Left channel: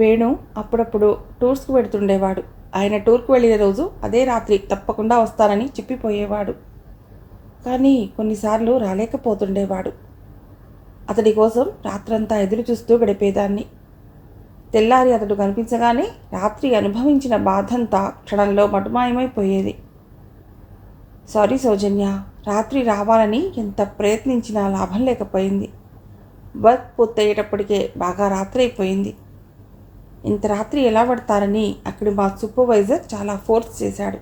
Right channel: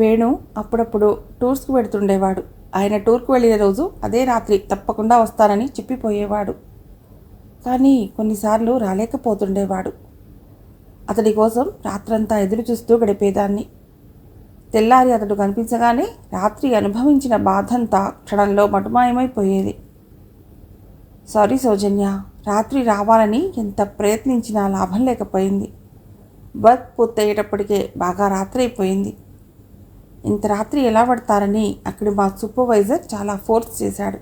వేణు అప్పుడప్పుడు టూర్స్కి వెడుతుండేవాడు. ఆయన టూర్కు వెళ్ళిన రోజు అదే రాత్రి తప్పకుండా వస్తానని చెప్పిపోయేవాడు. కానీ కొన్నిసార్లు రాలేకపోతుండేవాడు. అతడి కోసం రాత్రంతా ఎదురు చూస్తూ గడిపేదాన్ని. తెల్లారి అతడు కనిపించగానే రాత్రి అనుభవించిన బాధంతా క్షణంలో మటుమాయమైపోయేది. సారీ సౌజన్య, రాత్రి రావాలని ఎంత ప్రయత్నించినా లాభం లేకపోయింది. వర్క్ పూర్తయ్యేటప్పటికే బాగా రాత్రి అయిపోయింది. ఇంత రాత్రి ఎలా పడతారని అక్కడి మా సూపర్వైజర్ చాలా ఫోర్స్ చేశాడు.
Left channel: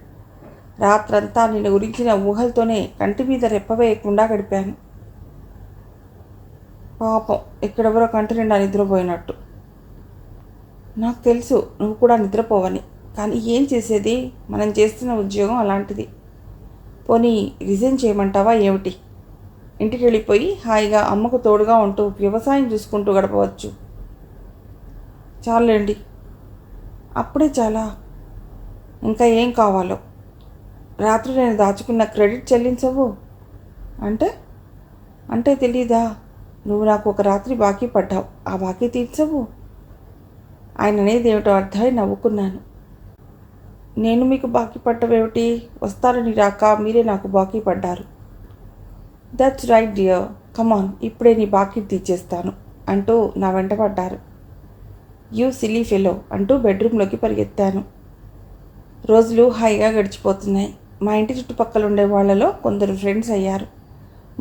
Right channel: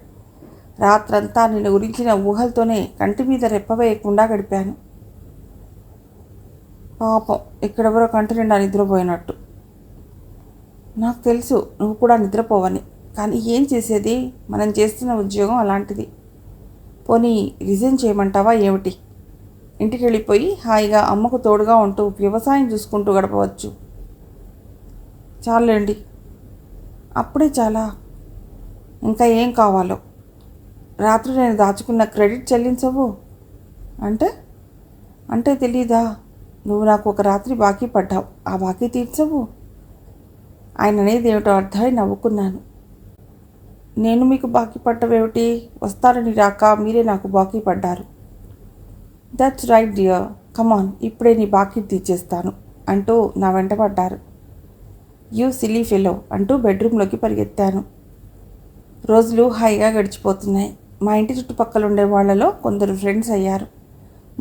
రాత్రంతా నిన్ను గురించిన ఊహలతోనే కంటి మీద రెప్పవేయకుండా గడిపాను. పాపం, ఇక్కడెవరో కంటి నిండా నిద్రపోయినట్టు. నాకు తెలుసు నువ్వు కూడా నిద్రపోవని, కానీ ఏం చేసేది, మనం చేస్తున్న ఉద్యోగం అలాంటిది. పోనీ రిజైన్ చేయమంటావా ఏమిటి? ఇంటికి వెళ్ళిపోయి హాయిగా అమ్మకు తోడుగా ఉంటూ వ్యవసాయం చూసుకుంటూ గడపవచ్చు. చాలండి. అప్పుడే చాలా? ఇంకా ఏం కావాలో? రాత్రి నేను దాచుకున్న క్రెడిట్ చెల్లించవు అంటే తెలీదా? నువ్వు నాకు ఒక రాత్రి బాకీ పడ్డావు, ఆ బాకీ తీర్చవు. ఆయన అనేది ఏమిటో అర్థమై నవ్వుకున్నాను. నేను మీకు బాకీ పడ్డవేమిటి? వస్తారని రాక మీరే నాకు బాకీ పడ్డారు. దట్స్ రైట్ డియర్, కమాన్, ఇప్పుడే నీ బాకీ తీర్చేస్తాను అంటూ నా వెంట పడ్డారు. యూ సిల్లీ ఫెలో అంటూ బెడ్రూమ్లోకి పరిగెత్తాను. రోజులు హాయిగా గడిచిపోతున్నాయి. మా ఇంటి చుట్టుపక్కల ఉండే వాళ్లలో కొందరు ఫ్రెండ్స్ అయ్యారు.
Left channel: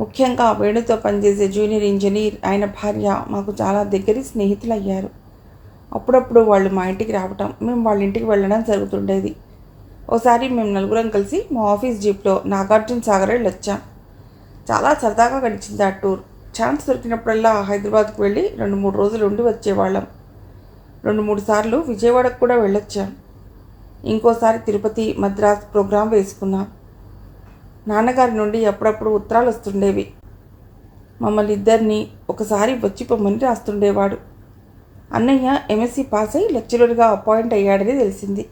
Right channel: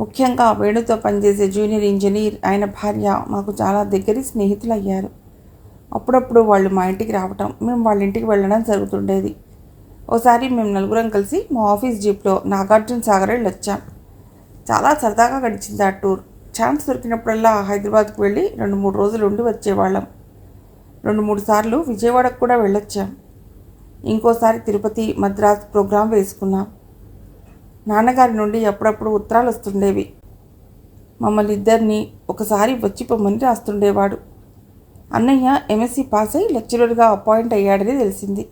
ముఖ్యంగా వేణుతో పనిచేసే జూనియర్ ఇంజనీర్, ఆయన భార్య మాకు చాలా దగ్గరి స్నేహితులు అయ్యారు. అప్పుడప్పుడు వాళ్ళు మా ఇంటికి రావటం, మేము వాళ్ళ ఇంటికి వెళ్ళడం జరుగుతుండేది. ఓసారి మేము నలుగురం కలిసి మా ఆఫీస్ జీప్లో నాగార్జున సాగర్ వెళ్ళొచ్చాం. చాలా సరదాగా గడిచింది ఆ టూర్. ఛాన్స్ దొరికినప్పుడల్లా హైదరాబాద్కు వెళ్ళి 2-3 రోజులు ఉండి వచ్చేవాళ్ళం. 2-3 సార్లు విజయవాడకు కూడా వెళ్ళొచ్చాం. ఇంకోసారి తిరుపతి, మద్రాస్ ప్రోగ్రాం వేసుకున్నాం. నాన్నగారి నుండి అప్పుడప్పుడు ఉత్తరాలు వస్తుండేవి. మమ్మల్ని ఇద్దరిని ఒకసారి వచ్చి పొమ్మని రాస్తుండేవాడు. అన్నయ్య ఎంఎస్సి పాస్ అయి లెక్చరర్గా అపాయింట్ అయ్యాడని తెలిసింది.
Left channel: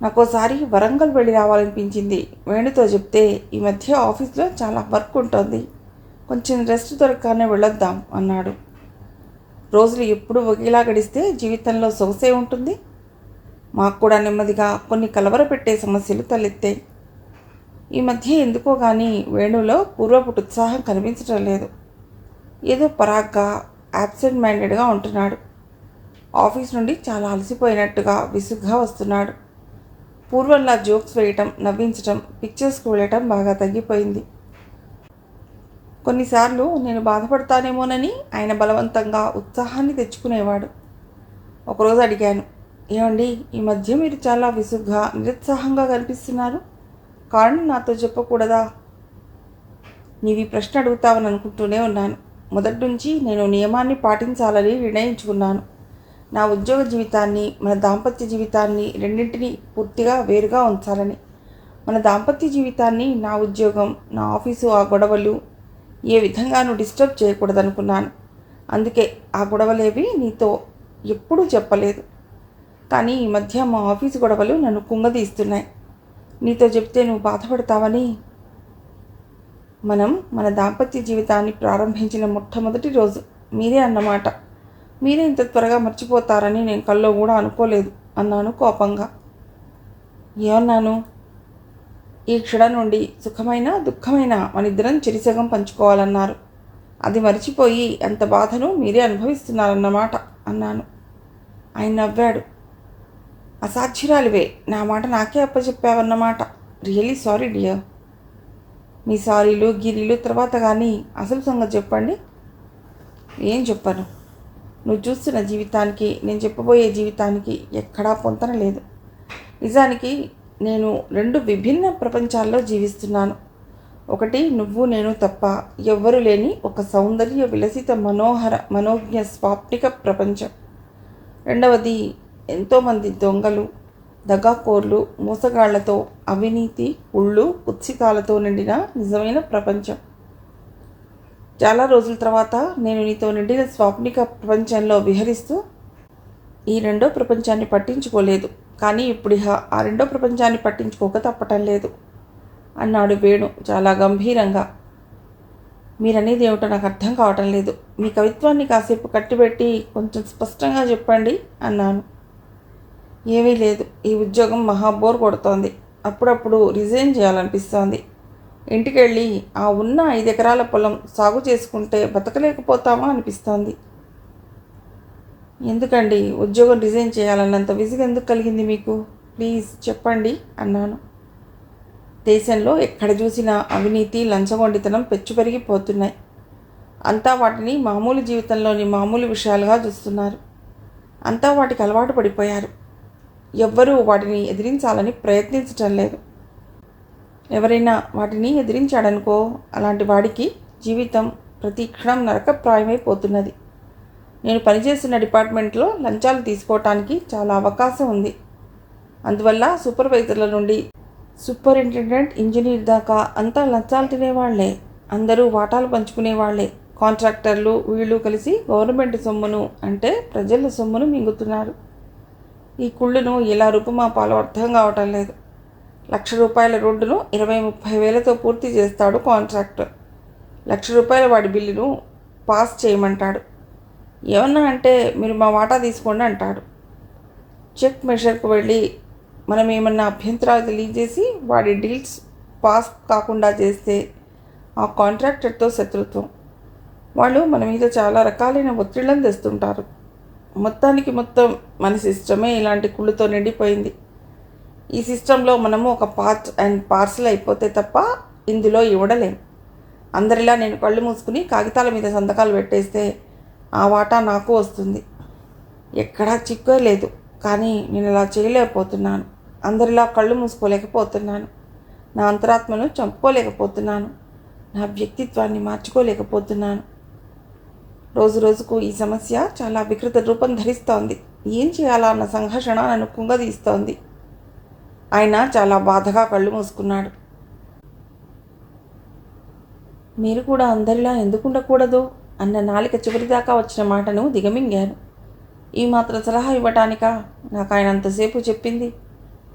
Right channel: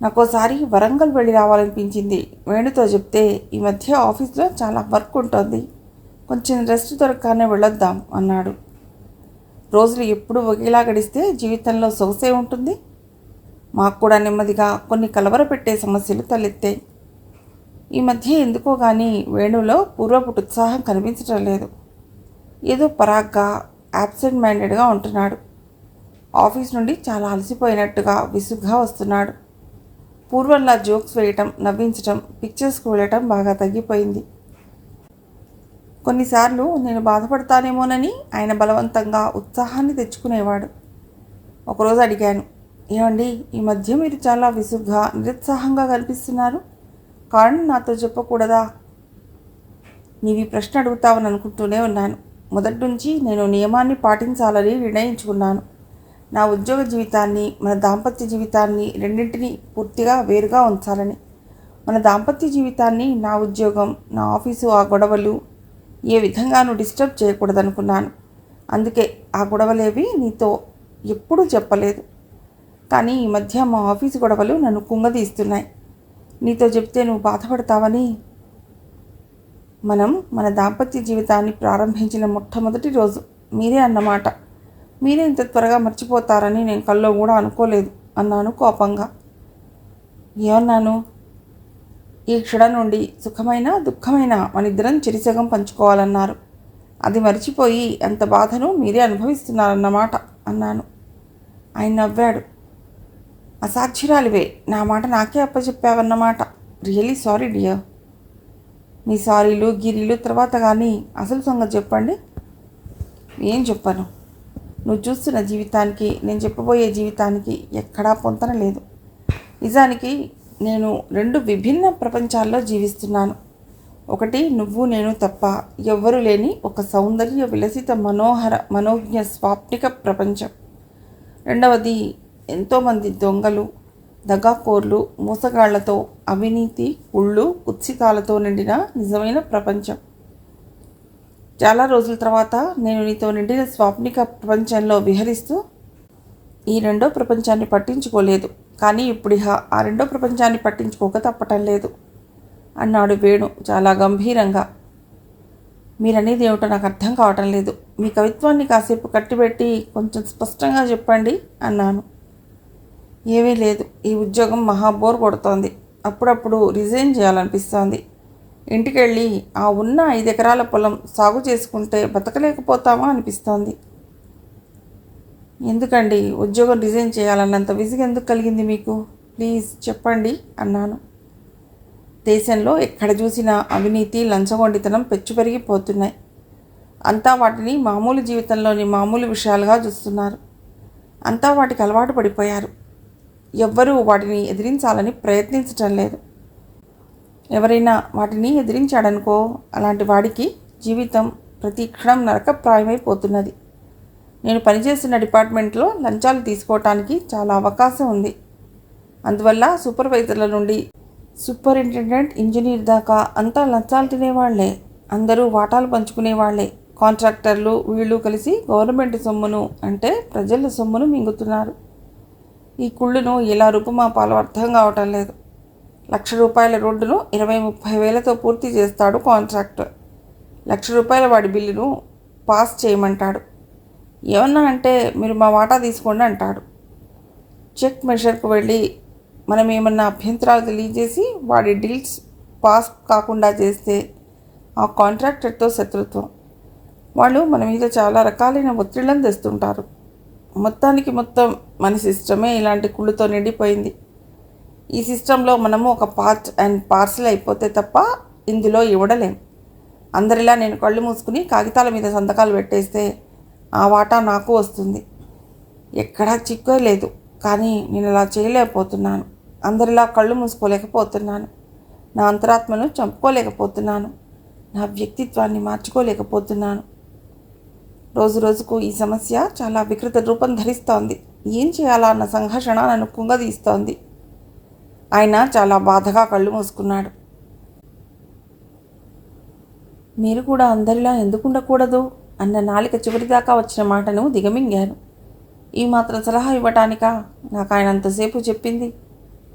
నాకోసారి వరంగల్ వెళ్ళి రావాలనిపించింది. వేణుతో చెప్తే, ఈ మధ్య ఆఫీస్లో చాలా వర్క్ ఉంటుంది, కొంచెం రెస్ట్ దొరకగానే వెళ్ళొద్దాం అన్నాడు. రోజులు ఎప్పుడు ఒకేలా గడిస్తే జీవితంలో సొగసే ఉంటుంది. మాకు కూడా నెమ్మదిగా కొన్ని కలవరపెట్టే సమస్యలు తలెత్తాయి. ఈ మధ్య ఎందుకో కానీ వేణులో పూర్వపు ఉత్సాహం కనిపించటం లేదు. ఏదో పరాగ్గా, యాబ్సెంట్ మైండెడ్గా ఉంటున్నాడు. ఆఫీస్ నుండి చాలా అలసిపోయినట్టుగా విసుగ్గా వస్తున్నాడు. పూర్వంలా జోక్స్ వేయటం, నవ్వించటం, పిక్చర్స్కి వెళ్ళటం బాగా తగ్గిపోయింది. కొన్నిసార్లు నేను బాధపడతానేమోనని ఆయన బలవంతంగా ఉత్సాహాన్ని తెచ్చుకునేవాడు. ఒకరోజు అడిగాను, ఏమండి, ఈ మధ్య మీరు చాలా విసుగ్గా, నిరుత్సాహంగా కనిపిస్తున్నారు, కారణం నాతో చెప్పకూడదా? నీవి ప్రశ్న అడుగుతావని అనుకుంటూనే ఉన్నాను. మొదటి నుంచి నేను నియమాన్ని పాటించాలని నిర్ణయించుకున్నాను. నా ఉద్యోగ జీవితాన్ని, మన దాంపత్య జీవితాన్ని రెండింటినీ పూర్తిగా వేరుగా ఉంచాలని. మన దాంపత్య జీవితాన్ని, నా ఉద్యోగం, నా ఆఫీసు, ఆ గొడవలు ఏ విధంగానూ డిస్టర్బ్ చేయకూడదనుకున్నాను. అందుకే ఆ గొడవలేవి నీతో ఎప్పుడూ చెప్పలేదు. కానీ ఈ మధ్య మా ఆఫీసు గొడవలు నన్ను కుంగదీస్తున్నాయి. నీతో చెప్తే నువ్వు బాధపడతావని. మనం మన దాంపత్య జీవితాన్ని ప్రారంభించిన మొట్టమొదటి రోజు మీరే అన్నమాట. మీరే ఇంత త్వరగా మర్చిపోతారని నేను కల్లో కూడా అనుకోలేదు అన్నాను కోపంగా. ఏమన్నాను? ఈ క్షణం నుండి సుఖమైన, దుఃఖమైన మనిద్దరం చెరిసగం పంచుకోవాలన్నారు. అది మర్చిపోయి ఎంత బాధను మీరే అనుభవిస్తున్నారన్నమాట అన్నాను. ఆయన నవ్వాడు. అసాధ్యురాలివే, నా మాట నాకే అప్పచెప్పావన్నమాట. Really sorry dear. మీ సారీలు గిరీలు తర్వాత కానీ అసలు సంగతి చెప్పండి. ఏం చెప్పను? నువ్వు చూస్తున్న జీవితానికి, నేను చెప్పబోయే జీవితానికి ఎక్కడా పొంతన లేదు. నిజానికి నేను 2 విభిన్న ప్రపంచాల్లో జీవిస్తున్నాను. ఒకటి నువ్వు నేను తప్ప ఎవ్వరూ లేని ఒక సౌందర్య విలసిత మనోహర మనోజ్ఞ స్వాప్నిక ప్రపంచం. రెండవది ఎంతోమంది దొంగలు, దగాకోర్లు, మోసగాళ్లతో, అవినీతి, కుళ్ళు, కుత్సితాలతో నిండిన నిజమైన ప్రపంచం. చాలా రోజుల తర్వాత నేను నీతో నిండిన స్వాప్నిక ప్రపంచంలో విహరిస్తూ ఈ 2వ ప్రపంచాన్ని పట్టించుకోలేదు. కానీ ఇప్పుడు ఆ 2వ ప్రపంచాన్ని పట్టించుకోక తప్పటం లేదు అన్నాడు వేణు చాలా గంభీరంగా. మీరనేది ఏమిటో నాకు అర్థం కావటం లేదు. మీ కవిత్వాన్ని కాసేపు కట్టిపెట్టి కొంచెం స్పష్టంగా చెప్పండి అన్నాను. ఏమీ లేదు, ఈ ఉద్యోగం మహా బోర్ కొడుతోంది. అప్పుడప్పుడు రిజైన్ చేయాలనిపిస్తోంది. ఇంటికెళ్ళి ఆ ఉన్న 5 ఎకరాల పొలం సాగు చేసుకుంటే బతకలేకపోతామా అనిపిస్తోంది. ఎందుకండి ఉద్యోగం రిజైన్ చేయాలన్నంత విసుగు ఎందుకు కలిగింది మీకు? ప్లీజ్ చెప్పండి అన్నాను. దేశంలో ఎక్కడ చూసినా అవినీతి, లంచగొండితనం పెచ్చుపెరిగిపోతున్నాయి. అంతా వాటిని మామూలు జీవితంలోని మామూలు విషయాలుగా చూస్తున్నారు. అంతా వాటికి అలవాటు పడిపోయారు. ఎవ్వరూ వాటిని ఎదిరించాలని ప్రయత్నించటం లేదు. ఎవరైనా వాటిని ఎదిరించాడనుకో, అలాంటి వాడికి జీవితం ప్రతి క్షణం నరకప్రాయమైపోతున్నది. నేను పనిచేస్తున్న డిపార్ట్మెంట్లో లంచాలు తీసుకోవటానికి చాలా అవకాశం ఉంది. అందువల్ల సూపర్వైజర్ల నుండి సూపరింటెండెంట్, ఇంజనీర్ దాకా అంతా లంచాలు తినేవాళ్లే. అందరూ వాటాలు పంచుకునేవాళ్లే. కాంట్రాక్టర్లు వీళ్ళు కలిసి గవర్నమెంట్ సొమ్మును, అంటే ప్రజల సొమ్మును మింగుతున్నారు. ఈ కుళ్ళును ఎలా రూపుమాపాలో అర్థం కావటం లేదు. ₹1,00,000 రోడ్డును 20-30 వేలతో పూర్తి చేస్తాడు కాంట్రాక్టర్. ₹1,00,000 వాడి బిల్లును పాస్ చేయమంటాడు. ఏమన్నా అంటే మీరు మా వాటా తీసుకోండి అంటాడు. చెక్ మెషర్కు వెళ్ళి మనం ఏమన్నా అభ్యంతరాలు తెలియజేసి వాడి డీల్స్ పాస్ కాకుండా చేస్తే ఆ కాంట్రాక్టర్తో శత్రుత్వం. వాళ్ళు మన మీద చాలా రకాలైన ఒత్తిళ్లను తెస్తుంటారు. మొత్తానికి మొత్తం మన సిస్టమే ఇలాంటి కుళ్ళుతో నిండిపోయింది. ఈ సిస్టంలో మనము ఒక పార్ట్ అండ్ పార్సల్ అయిపోతే తప్ప ఇందులో ఇవ్వడలేం. అందరిలా నేను కళ్ళు మూసుకుని కాగితాల మీద సంతకాలు పెట్టేస్తే ఆ వాటా నాకు వస్తుంది. ఎక్కడా చిక్కే లేదు. కానీ నేను అలా చేయలేకపోతున్నాను. అందరిలా కళ్ళు మూసుకోలేకపోతున్నాను. నా అంతరాత్మను చంపుకోలేకపోతున్నాను. నా వ్యక్తిత్వాన్ని మార్చుకోలేకపోతున్నాను. రోజు రోజుకు ఈ సమస్య చాలా వికృత రూపం ధరిస్తోంది. ఏం చేయాలా అన్న సంఘర్షణ నన్ను కుంగదీస్తోంది. ఆయన చాలా బాధగా కళ్ళు మూసుకున్నాడు. మీరు కూడా అందరిలా ఎందుకు ఉండకూడదు అన్న నాలిక చివరిదాకా వచ్చిన మాటను దిగమింగాను. ఈ మాత్రం సలహా ఇవ్వటానికా నాకు ఆయన అంతసేపు చెప్పింది?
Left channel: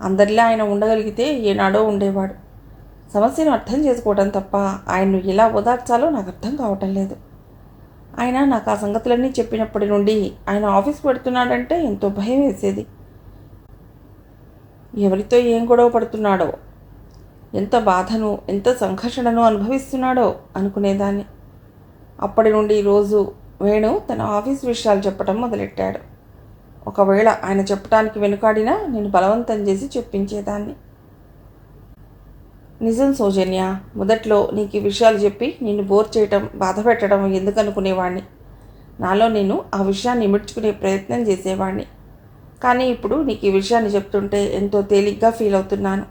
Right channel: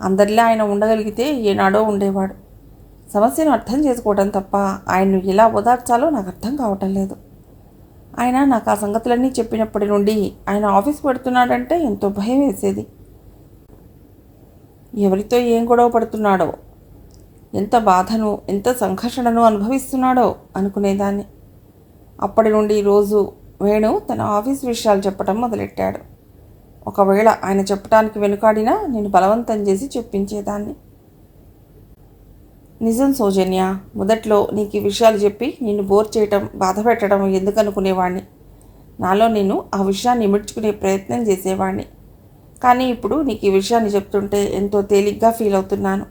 అందరిలా ఆయన ఉండగలిగితే ఏనాడో ఉండేవాడు. సమస్యను అర్థం చేసుకోవడం తప్ప ఆయన్ను ఎలా ఓదార్చాలో నాకు అర్థం కావటం లేదు. ఆయన నాకు ఆ సంగతులన్నీ చెప్పినప్పటి నుండి ఆయన ఆఫీస్ పెడుతున్నాడంటే ఎంతో భయం వేసేది. ఎవరితో ఏం గొడవ పడుతున్నాడో, ఎంత బాధను, ఎంత సంఘర్షణను అనుభవిస్తున్నాడో అనుకునేదాన్ని. అప్పటి నుండి రోజు వేణు తన ఆఫీస్ విషయాలు చెప్పడం మొదలెట్టాడు. ఒకవేళ ఆయన చెప్పడానికి వెనుకాడినా నేను బలవంతం చేసి చెప్పించేదాన్ని. నిజం సౌజన్య, మొదట్లో నీకు ఈ విషయాలు చెప్పి నిన్ను బోర్ చేయటం, బాధ పెట్టడం ఎందుకు అనుకునేవాడిని. నాలో నేను ఆ విషయాన్ని ఇముడ్చుకునే ప్రయత్నం చేసేవాడిని. కానీ ఇప్పుడు నీకు ఈ విషయాన్ని చెప్తుంటే ఎంతో తేలిగ్గా ఫీల్ అవుతున్నాను.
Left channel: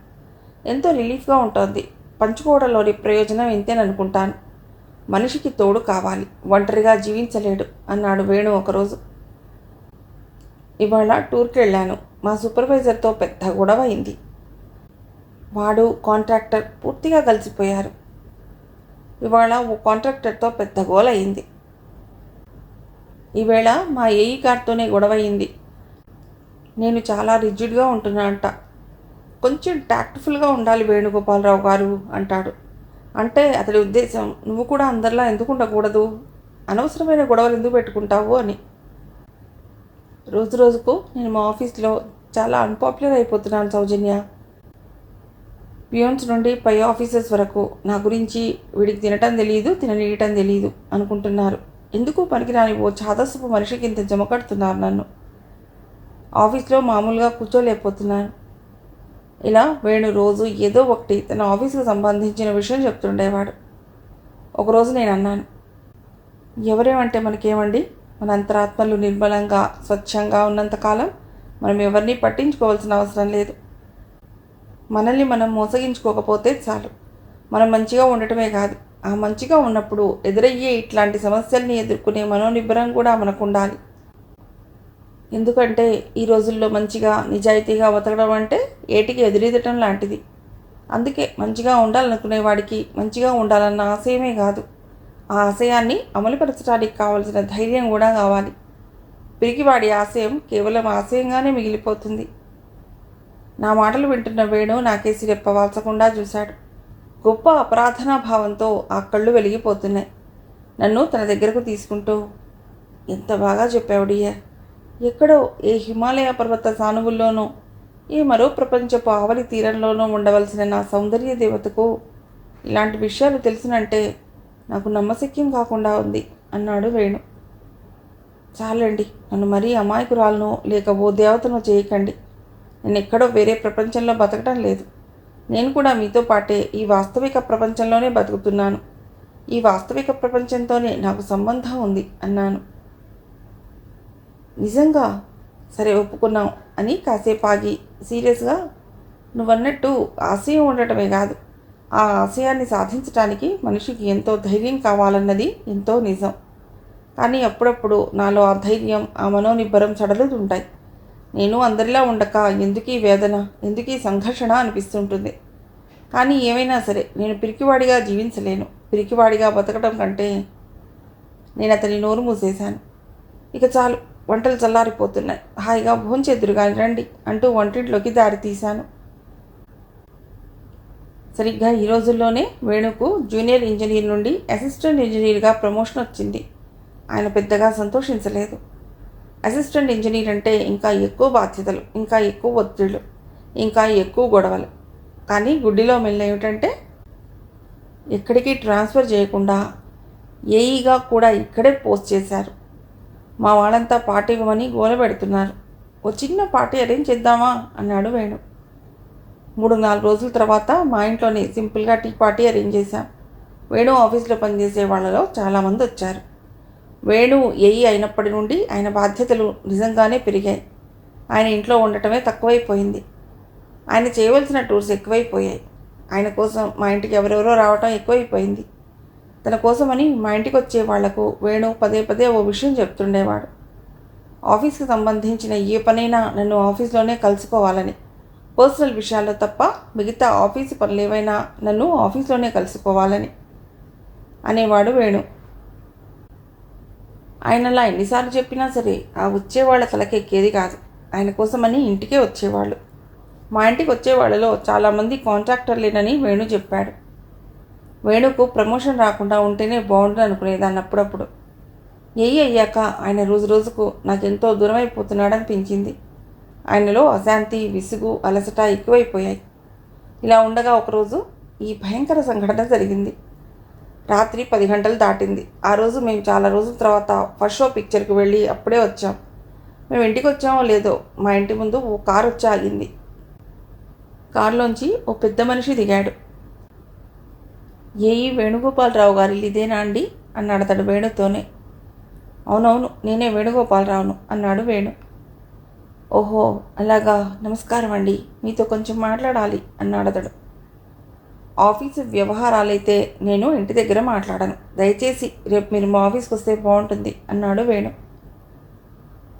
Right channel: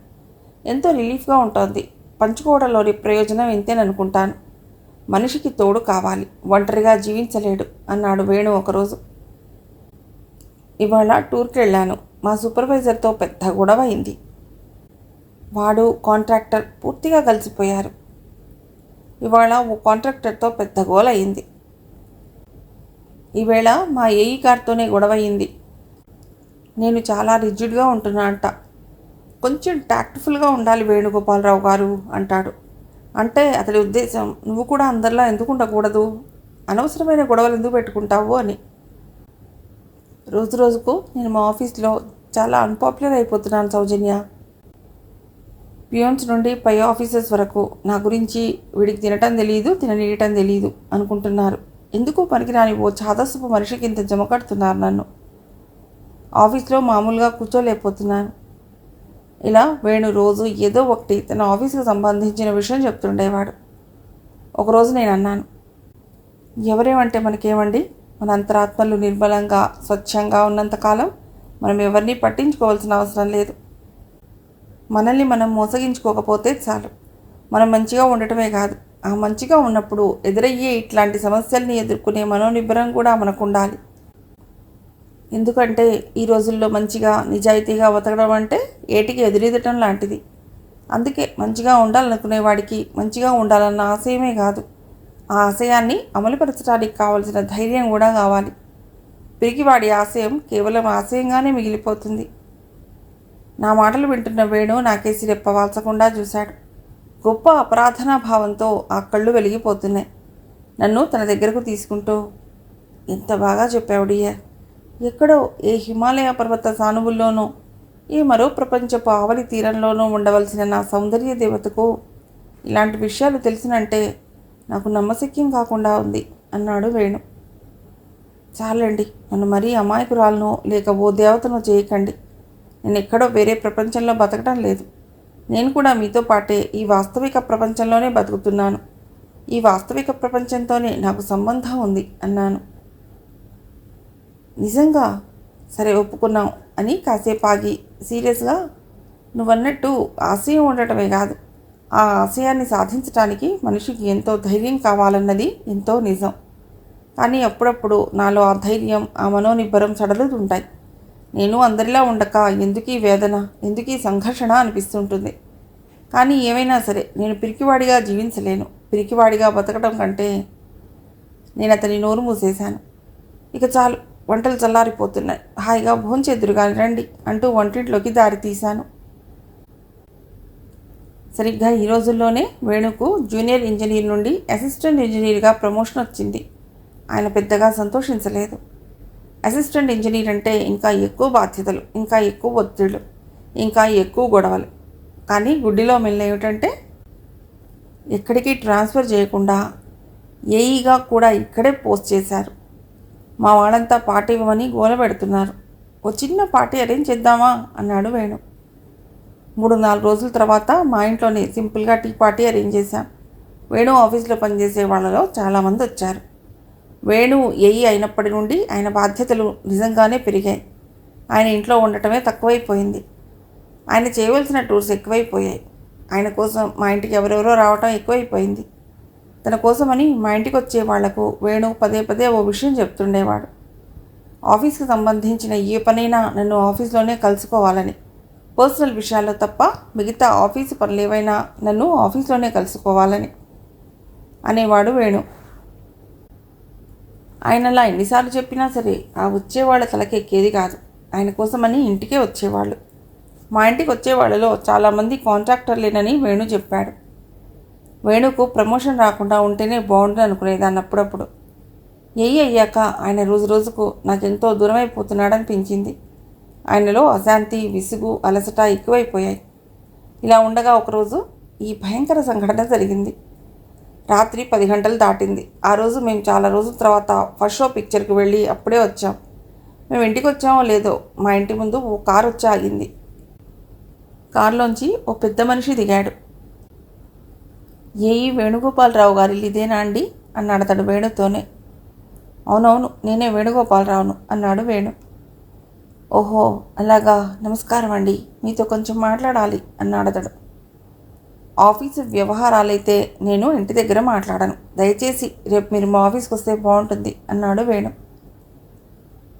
ఎంతో రిలీఫ్గా ఉంటుంది. పంచుకోవడంలోని ప్రయోజనం ఇంతేననుకుంటాను. మనిషికి తోడు కావాలి, ఒంటరిగా జీవించలేడు అన్నాడు వేణు ఒకరోజు. ఇవాళ టూర్కి వెళ్ళాను. మా సూపర్వైజర్తో పెద్ద గొడవ అయింది. వాడు కాంట్రాక్టర్ పూర్తిగా కలిసిపోయారు. ఇవాళ ఓ కాంట్రాక్టర్తో పెద్ద గోల అయింది. ఈవేళ మా ఏఈ గారితోనే గొడవ అయింది. నేను చాలా రిజిడ్గా ఉంటున్నానంట. కొంచెం టాక్ట్ఫుల్గా ఉండాలి వేణుగోపాలరావు గారు అంటాడు. అంటే అతడి ఉద్దేశం, నువ్వు కూడా అందరిలా ఎందుకు ఉండకూడదు, అనవసరమైన గొడవలు ఎందుకు పెట్టుకుంటావు అని. రోజు రోజుకు నేను మా ఆఫీస్లో చాలా అన్పాపులర్ అయిపోతున్నాను సౌజన్య. పియోన్స్ నుండి పై ఆఫీసర్స్ వరకు నా గురించి వీడికి తినటం తెలియదు, తిననీయటం తెలియదు అనుకుంటున్నారు. ఎందుకు పనికిరాని ఓ చాదస్తపు మనిషికి ఇంత జమ కడుతున్నారు నన్ను. ఆఫీస్లో మామూలుగా కూర్చోలేకపోతున్నాను. ఇలా వేణు రోజు ఏదో ఒకటి తన ఆఫీసుకు సంబంధించిన విషయం చెప్తుండేవాడు. ఒకరోజు నేను అన్నాను, ఎవరేమంటే మనకేమండి, మన అంతరాత్మలు నిర్మలంగా స్వచ్ఛంగా ఉన్నంతకాలం మనం ఎవరిని పట్టించుకోవాల్సిన అవసరం లేదు. మనల్ని మనం మోసగించుకోకపోతే చాలు. మనం మంచిగా ఉండటమే కాదు, ఆ మంచిగా ఉన్నప్పుడు ఎదురయ్యే ఇట్లాంటి సమస్యల్ని ఎదుర్కొనే మనోనిబ్బరం కూడా మనకు ఉండాలి. ఎందుకంటే ఈ రోజుల్లో మంచిగా నిజాయితీగా బతకడం అంటే ఏటికి ఎదురెదటం లాంటిది. అందుకే మంచిగా ఉండాలనుకునే వాడికి మంచిగా ఉండాలన్న ఆశయమే కాదు, ఆ ఆశయాన్ని అమలుపరచడానికి కావలసిన ధైర్యం కూడా కావాలి. పిరికివాడి ఆశయం కేవలం ఆశయంగానే మిగిలిపోతుంది. నా మాటలు వింటున్న వేణు నాకేసి రెప్పవాల్చకుండా చూశాడు. గొప్ప అపరాధనా భావంతో ఆ కళ్ళు వెలిగిపోతున్నాయి. నన్ను తన దగ్గరకు తీసుకుంటూ, ఎంత బాగా చెప్పావు డియర్. ఎక్కడో ఏ హిమాలయ పర్వత సానువుల్లోనో ఏ మరో ప్రపంచపు ఆవలి తీరంలోనూ ఉండవలసిన నా సౌందర్య దేవతకు ఇలాంటి విషయాలు తెలిసినంటే నాకు నమ్మశక్యం కాకుండా ఉంది అన్నాడు వేణు. చాలండి, నన్ను మరీ అమాయకురాలను లేక ఓ దేవతను చేయకండి. నేను ఎక్కడో వేరే ప్రపంచంలో బతకడం లేదు. నేను కూడా మీతో పాటే ఈ వాస్తవిక ప్రపంచంలోనే బతుకుతున్నాను. ఈ వాస్తవిక ప్రపంచంతోనే నాకు సంబంధం ఉంది అన్నాను. నిజంగా? సరే, ఒప్పుకున్నాం అని కాసేపు ఆగి సీరియస్గా, నువ్వన్నట్టు ఆశయం ఉండటమే కాదు, ఆ ఆశయాన్ని సాధించటానికి మనిషికి ఎంతో ధైర్యం కావాలన్నది ఎంతో నిజం. కానీ అప్పుడప్పుడు నాలో ఆ ధైర్యం, ఆ మనోనిబ్బరం సడలుతుంటాయి. నేను అందరిలా ఉండక ఎందుకీ వేదన, ఎందుకీ సంఘర్షణ అనిపిస్తుంటుంది. కానీ ఏమైనా సరే నేను పిరికివాడిగా జీవించలేను. పిరికివాడిగా బతకడం కంటే నేను అతని నోరు మూసేశాను. ఇక చాలు, వంటలు చల్లారిపోతున్నాయి, హాయిగా భోంచేద్దురుగా రండి అంటూ వంటింట్లోకి దారి తీశాను. సరిగ్గా ఈ రోజుల్లోనే వేణుకు జూనియర్ ఇంజనీర్ నుండి అసిస్టెంట్ ఇంజనీర్గా ప్రమోషన్ వచ్చింది. ఆయన పెద్దగా సంతోషించలేదు. అసిస్టెంట్ ఇంజనీర్ అంటే ఇంకా ఎక్కువ బాధ్యతలు, ఇంకా ఎక్కువ ఒత్తిళ్ళు, ఇంకా ఎక్కువ గొడవలు. కానీ గుడ్డిలో మెల్ల ఏమిటంటే ఎక్కడికి ట్రాన్స్ఫర్ చేయకుండా ఏఈగా కూడా ఇక్కడే పోస్ట్ చేశారు. మా వాళ్ళంతా పార్టీ ఇవ్వమని గోల పెడుతున్నారు. ఓ చిన్న పార్టీ అరేంజ్ చేద్దామా అన్నాడు వేణు. 3-4 రోజుల తర్వాత మా ఇంట్లోనే సింపుల్గా టీ పార్టీ అరేంజ్ చేశాం. వేణు ఆఫీస్లో పనిచేసే వాళ్ళలో చాలామంది వచ్చారు. వేణు ఏఈ అయినప్పటి నుండి ఆయన బాధ్యతలు నిజంగానే పెరిగాయి. ఆయన ఇంట్లో ఉండటమే తక్కువైపోయింది. ఆయన చేయవలసిన టూర్స్ ఎక్కువైపోయాయి. ఆయన కోసం మా ఇంటికి ఎవరెవరో రావటం ఎక్కువైపోయింది. తన కోసమని మా ఇంటికి వచ్చే వాళ్లకు వేణు పదే పదే ఓ విషయం చెప్తుండేవాడు. ఆఫీస్కి సంబంధించిన ఏ పనైనా నన్ను ఆఫీస్లోనే కలుసుకోవాలని, పర్సనల్ విషయాల్లో తప్ప మిగతా ఆఫీసు పనులు ఏవైనా నన్ను ఆఫీస్లోనే కలుసుకోవాలని అనేవాడు వేణు. ఆయనలా ఎన్నిసార్లు చెప్పినా సరే ఆ వచ్చేవాళ్ళ తలకెక్కేది కాదు. ఆయన కోసమని ఇంటికే వచ్చేవాళ్ళు. మా ఇంటికి వచ్చేవాళ్ళలో చాలామంది కాంట్రాక్టర్లేనని వేణు చెప్పాడు. వేణుకు ప్రమోషన్ రాకుండా ఉంటేనే బాగుంటుంది అనుకునేదాన్ని అప్పుడప్పుడు. ఏఈ అయ్యాక ఆయన రోజు రోజుకు నాకెంతో దూరమైపోతున్నాడనిపించింది. ఆయనలో అశాంతి, విసుగు, అలసట ఎక్కువైపోయాయి. ఇలా ఉండగా ఒకరోజు ఈ భయంకర సంఘటన జరిగింది. రాత్రి 10 గంటలు దాటింది. ఆ రోజు మేము చాలా రోజుల తర్వాత ఫస్ట్ షో పిక్చర్కి వెళ్ళి అప్పుడే వచ్చాం. మేము ఇంటికి వచ్చామో లేదో మా ఇంటి ముందు ఓ కారు వచ్చి ఆగింది. కారులోంచి ఓ పెద్ద మనిషి దిగాడు. ఏఈ వేణుగోపాలరావు గారి ఇదేనా అండి అన్నాడు అతడు వేణుతోనే. అవునవును, నేనే వేణుగోపాలరావును అన్నాడు వేణు. ఓహో అలాగా, నమస్కారం అండి, మీతో కొంచెం మాట్లాడాలి అన్నాడు అతడు. ఆఫీసు వ్యవహారాలైతే నేను ఇంటి దగ్గర మాట్లాడాను. దయచేసి రేపు మీరు మా ఆఫీస్కి వస్తే బాగుంటుంది అన్నాడు వేణు.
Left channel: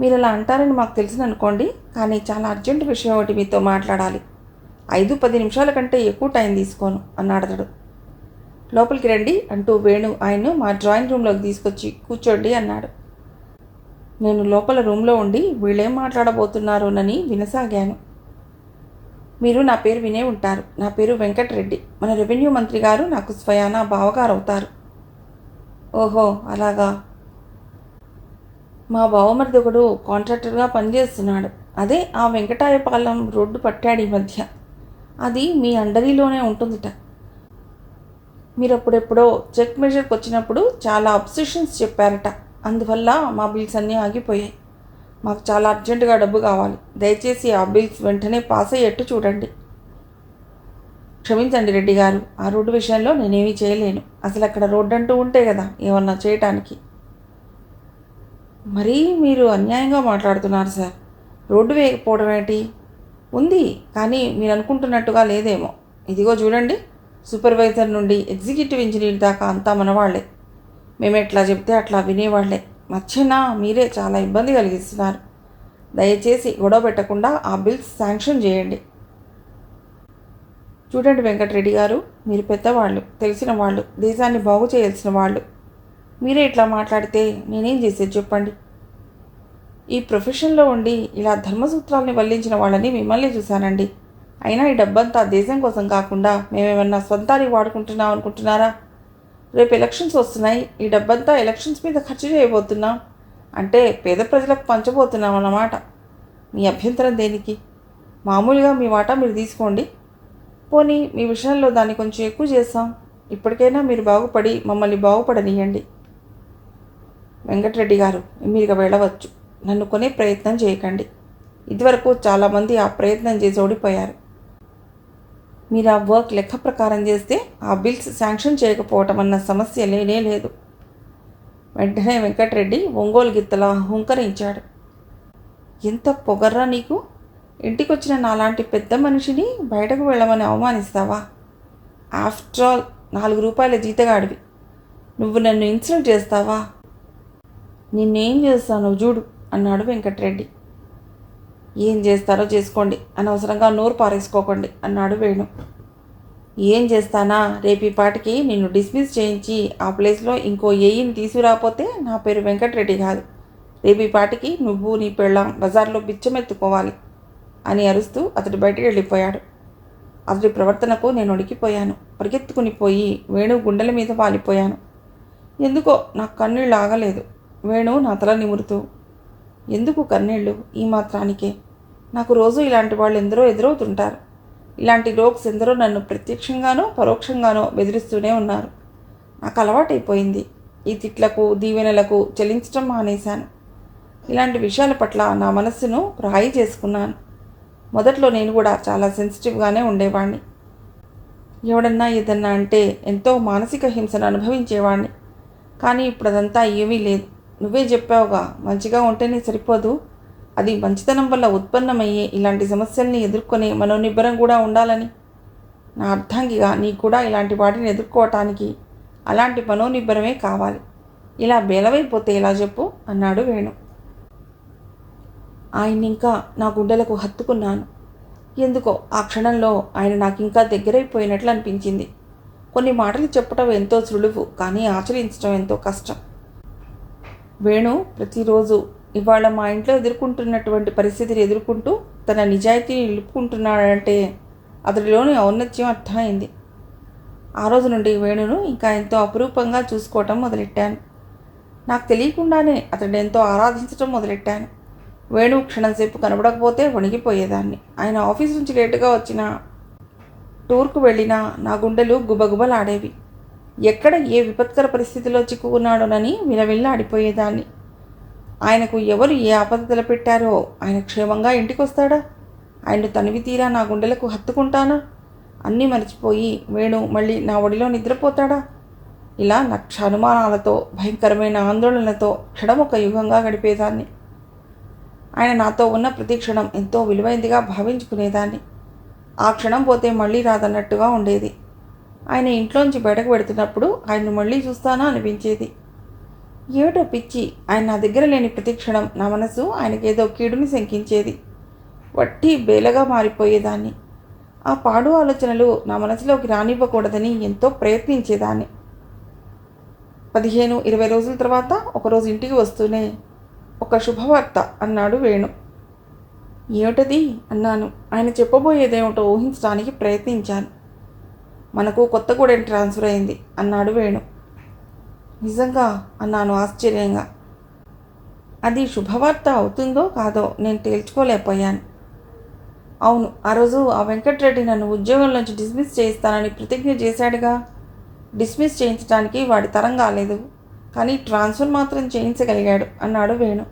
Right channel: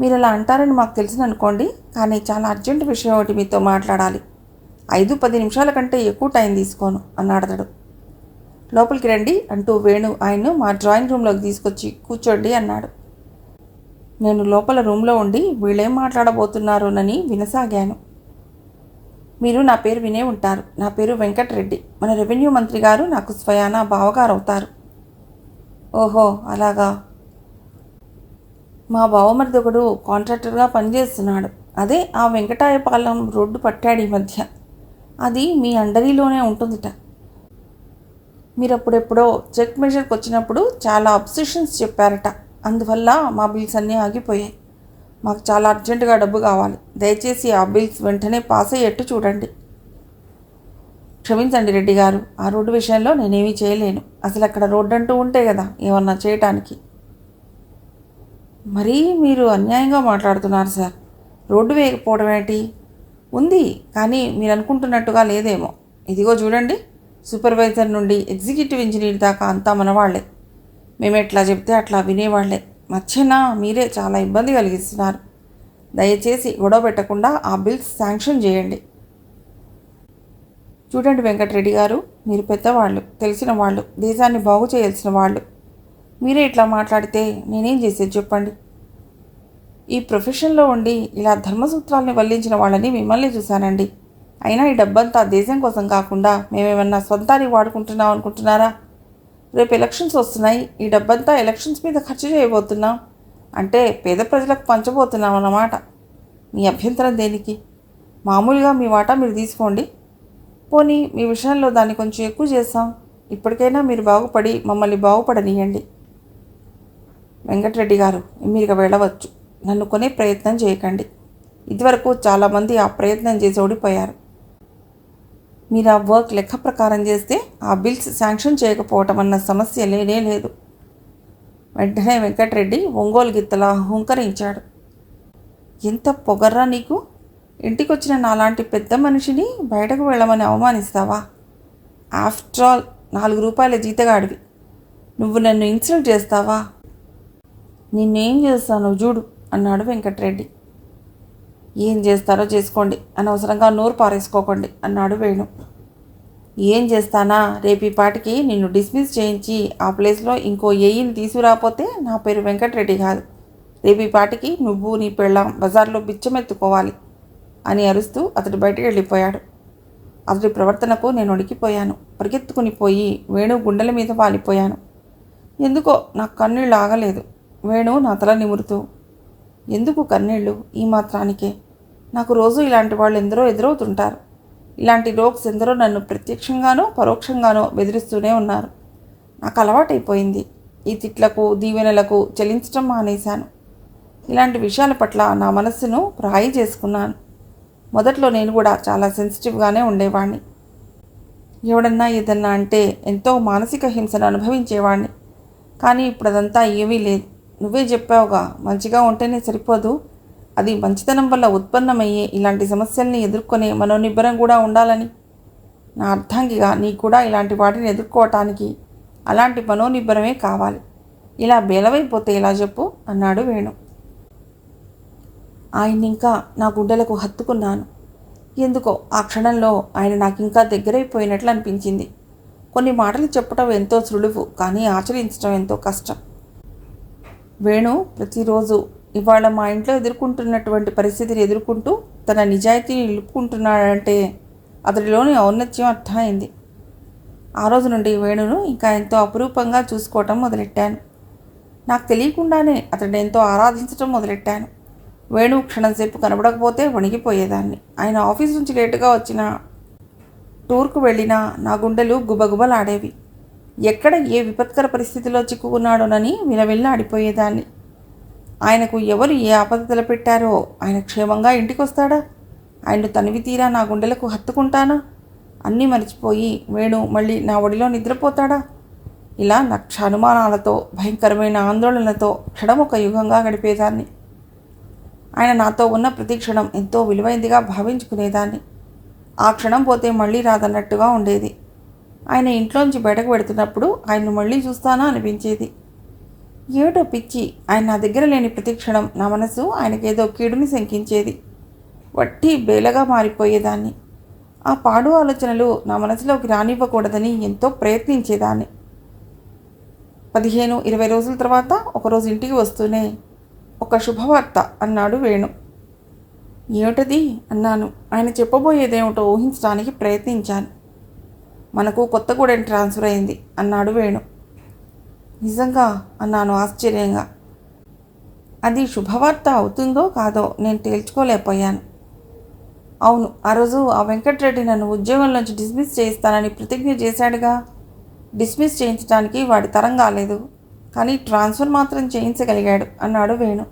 మీరు ఇలా అంటారని మాకు తెలిసిందనుకోండి, కానీ చాలా అర్జెంటు విషయం ఒకటి మీతో మాట్లాడాలి. 5-10 నిమిషాల కంటే ఎక్కువ టైం తీసుకోను అన్నాడు అతడు. లోపలికి రండి అంటూ వేణు ఆయన్ను మా డ్రాయింగ్ రూమ్లోకి తీసుకొచ్చి కూర్చోండి అన్నాడు. నేను లోపల రూమ్లో ఉండి వీళ్ళేం మాట్లాడబోతున్నారోనని వినసాగాను. మీరు నా పేరు వినే ఉంటారు. నా పేరు వెంకటరెడ్డి. మన రెవెన్యూ మంత్రి గారు నాకు స్వయానా బావగారు అవుతారు. ఓహో అలాగా. మా బావమరిది ఒకడు కాంట్రాక్టర్గా పనిచేస్తున్నాడు. అదే ఆ వెంకటాయపాలెం రోడ్డు పట్టాడు ఈ మధ్య. అది మీ అండరీలోనే ఉంటుందిట. మీరు అప్పుడెప్పుడో చెక్ మెజర్కి వచ్చినప్పుడు చాలా అబ్సెషన్స్ చెప్పారట. అందువల్ల మా బిల్స్ అన్నీ ఆగిపోయాయి. మాకు చాలా అర్జెంటుగా డబ్బు కావాలి. దయచేసి ఆ బిల్స్ వెంటనే పాస్ అయ్యేట్టు చూడండి. క్షమించండి రెడ్డి గారు, ఆ రోడ్డు విషయంలో నేనేమీ చేయలేను. అసలు అక్కడ రోడ్డు అంటూ ఉంటే కదా ఏమన్నా చేయటానికి. మరీ మీరు అన్యాయంగా మాట్లాడుతున్నారు సార్. రోడ్డు వేయకపోవడం ఏంటి? ఉంది, కానీ మీరు అనుకుంటున్నట్టుగా లేదేమో. ఇదిగో చూడండి, సూపర్వైజర్ నుండి ఎగ్జిక్యూటివ్ ఇంజనీర్ దాకా అంతా మనవాళ్లే. మేము ఎట్లా చెప్తే అట్లా వినేవాళ్లే. మధ్యన మీరే చాలా ఇబ్బంది కలిగిస్తున్నారు. దయచేసి గొడవ పెట్టకుండా ఆ బిల్స్ శాంక్షన్ చేయండి. చూడండి వెంకటరెడ్డి గారు, మీరు పెద్దవాళ్ళు, తెలిసిన వాళ్ళు, దేశాన్ని బాగు చేయాల్సిన వాళ్ళు. మీరే ఇట్లా మాట్లాడితే నేనేం చేసేది చెప్పండి. ఈ ప్రొఫెషన్లో ఉండి ఇలా ధర్మసూత్రాలని వల్లించిన వాళ్ళని మిమ్మల్ని చూశానండి. అయినా ఈ డబ్బంతా దేశం కోసం కాకుండా మేమేమన్నా సొంతానికి వాడుకుంటున్నాం అనుకుంటున్నారా? రేపు ఎలక్షన్స్ వస్తున్నాయి. ఈ డబ్బంతా ఎలక్షన్స్ మీద ఖర్చు చేయబోతున్నాం. అంటే పేద ప్రజలకు పంచబోతున్నాం అన్నమాట. మీ అభ్యంతరం దేనికి? మామూలుగా మీ వాటా మీరు తీసుకోండి. పోనీ మీ విషయంలో దాన్ని కొంచెం ఎక్కువ చేస్తాం. ఇప్పటికైనా మీరు బాగుపడి మమ్మల్ని బాగుపడనీయండి. వెంకటరెడ్డి గారు, మీరు వెళ్ళవచ్చు. నన్ను కొనే ప్రయత్నం చేయకండి. ఇదివరకు చాలామంది ఆ ప్రయత్నం చేసి ఓడిపోయారు. మీరు ఆ వర్క్ లెక్క ప్రకారం చేస్తే ఆ బిల్స్ శాంక్షన్ చేయకపోవటం అన్న సమస్య లేనే లేదు. వెంటనే వెంకటరెడ్డి ఒంగోలు గిత్తలా హుంకరించాడు. ఎంత పొగర్రా నీకు! ఇంటికొచ్చిన నాలాంటి పెద్ద మనిషిని బయటకు వెళ్ళమని అవమానిస్తావా? ఆఫ్టర్ ఆల్ 4 రూపాయల జీతగాడివి. నువ్వు నన్ను ఇన్సల్ట్ చేస్తావా? నిన్నేం చేస్తాను చూడు అన్నాడు వెంకటరెడ్డి. ఏం చేస్తారో చేసుకోండి, అనవసరంగా నోరు పారేసుకోకండి అన్నాడు వేణు. ఏం చేస్తానా? రేపు ఈ పాటికి నిన్ను డిస్మిస్ చేయించి ఆ ప్లేస్లో ఇంకో ఏయిని తీసుకురాపోతే నా పేరు వెంకటరెడ్డి కాదు. రేపు ఈ పాటికి నువ్వు నీ పెళ్ళాం బజార్లో బిచ్చమెత్తుకోవాలి అని అరుస్తూ అతడు బయటికి వెళ్ళిపోయాడు. అతడి ప్రవర్తనకు నేను ఉడికిపోయాను. పరిగెత్తుకుని పోయి వేణు గుండెల మీద వాలిపోయాను. ఎందుకో నాకు కన్నీళ్ళు ఆగలేదు. వేణు నా తల నిమురుతూ, ఎందుకు కన్నీళ్ళు? ఈ మాత్రానికే. నాకు రోజు ఇలాంటి వాళ్ళు ఎందరో ఎదురవుతుంటారు. ఇలాంటి రోగ్స్ ఎందరో నన్ను ప్రత్యక్షంగానో పరోక్షంగానో బెదిరిస్తూనే ఉన్నారు. నాకు అలవాటైపోయింది. ఈ తిట్లకు దీవెనలకు చెల్లించడం మానేశాను. ఇలాంటి విషయాల పట్ల నా మనస్సును రాయి చేసుకున్నాను. మొదట్లో నేను కూడా చాలా సెన్సిటివ్గానే ఉండేవాడిని. ఎవడన్నా ఏదన్నా అంటే ఎంతో మానసిక హింసను అనుభవించేవాడిని. కానీ ఇప్పుడు అదంతా ఏమీ లేదు. నువ్వే చెప్పావుగా, మంచిగా ఉంటేనే సరిపోదు, అది మంచితనం వల్ల ఉత్పన్నమయ్యే ఇలాంటి సమస్యల్ని ఎదుర్కొనే మనోనిబ్బరం కూడా ఉండాలని. నా అర్థంగిగా నీకు కూడా ఇలాంటి వాటిని ఎదుర్కోవటానికి అలాంటి మనోనిబ్బరమే కావాలి. ఇలా బేలవైపోతే ఎలా చెప్పు అన్నాడు వేణు. ఆయన ఇంకా నా గుండెలకు హత్తుకున్నాను. ఎందుకో ఆ క్షణంలో ఆయన నాకు ఇంకా దగ్గరైపోయినట్లు అనిపించింది. కొన్ని మాటలు చెప్పటం ఎంతో సులువు, కానీ ఆచరించడం ఎంతో కష్టం. వేణు ప్రతిరోజు ఇవాళ మా ఇంట్లో ఎదుర్కొంటున్నటువంటి పరిస్థితిని ఎదుర్కొంటూ తన నిజాయితీని నిలుపుకుంటున్నాడంటే అతడిలోని ఔన్నత్యం అర్థమైంది. ఆ రోజు నుండి వేణును ఇంకా ఎంతో అపురూపంగా చూసుకోవటం మొదలెట్టాను. నాకు తెలియకుండానే అతడిని ఎంతో ఆరాధించడం మొదలెట్టాను. వేణు క్షణంసేపు కనబడకపోతే వణిగిపోయేదాన్ని. ఆయన ఆఫీస్ నుంచి లేటుగా వచ్చిన టూర్కు వెళ్ళినా నా గుండెలు గుబగుబలాడేవి. ఎక్కడ ఏ విపత్కర పరిస్థితిలో చిక్కుకున్నాడోనని విలవిల్లాడిపోయేదాన్ని. ఆయనకు ఎవరు ఏ ఆపద తలపెట్టారో ఆయన క్షేమంగా ఇంటికి వస్తాడా? ఆయన తనివి తీరా నా గుండెలకు హత్తుకుంటానా? అన్నీ మర్చిపోయి వేణు మళ్ళీ నా ఒడిలో నిద్రపోతాడా? ఇలా లక్ష అనుమానాలతో భయంకరమైన ఆందోళనలతో క్షణమొక యుగంగా గడిపేదాన్ని. ఆయన నాతో ఉన్న ప్రతి క్షణం ఎంతో విలువైందిగా భావించుకునేదాన్ని. ఆ క్షణం పోతే మళ్ళీ రాదన్నట్టుగా ఉండేది. ఆయన ఇంట్లోంచి బయటకు పెడుతున్నప్పుడు ఆయన్ను మళ్ళీ చూస్తానా అనిపించేది. ఏమిటో పిచ్చి, ఆయన నా దగ్గర లేని ప్రతి క్షణం నా మనసు ఆయనకేదో కీడుని శంకించేది. వట్టి బేలగా మారిపోయేదాన్ని. ఆ పాడు ఆలోచనలు నా మనసులోకి రానివ్వకూడదని ఎంతో ప్రయత్నించేదాన్ని. 15-20 రోజుల తర్వాత ఒకరోజు ఇంటికి వస్తూనే, ఒక శుభవార్త అన్నాడు వేణు. ఏమిటది అన్నాను. ఆయన చెప్పబోయేదేమిటో ఊహించడానికి ప్రయత్నించాను. మనకు కొత్తగూడెం ట్రాన్స్ఫర్ అయింది అన్నాడు వేణు. నిజంగా అన్నాను ఆశ్చర్యంగా. అది శుభవార్త అవుతుందో కాదో నేను తేల్చుకోలేకపోయాను. అవును, ఆ రోజు ఆ వెంకటరెడ్డి నన్ను ఉద్యోగంలోంచి డిస్మిస్ చేయిస్తానని ప్రతిజ్ఞ చేశాడుగా. డిస్మిస్ చేయించడానికి వాడి తరం కాలేదు, కానీ ట్రాన్స్ఫర్ మాత్రం చేయించగలిగాడు అన్నాడు వేణు.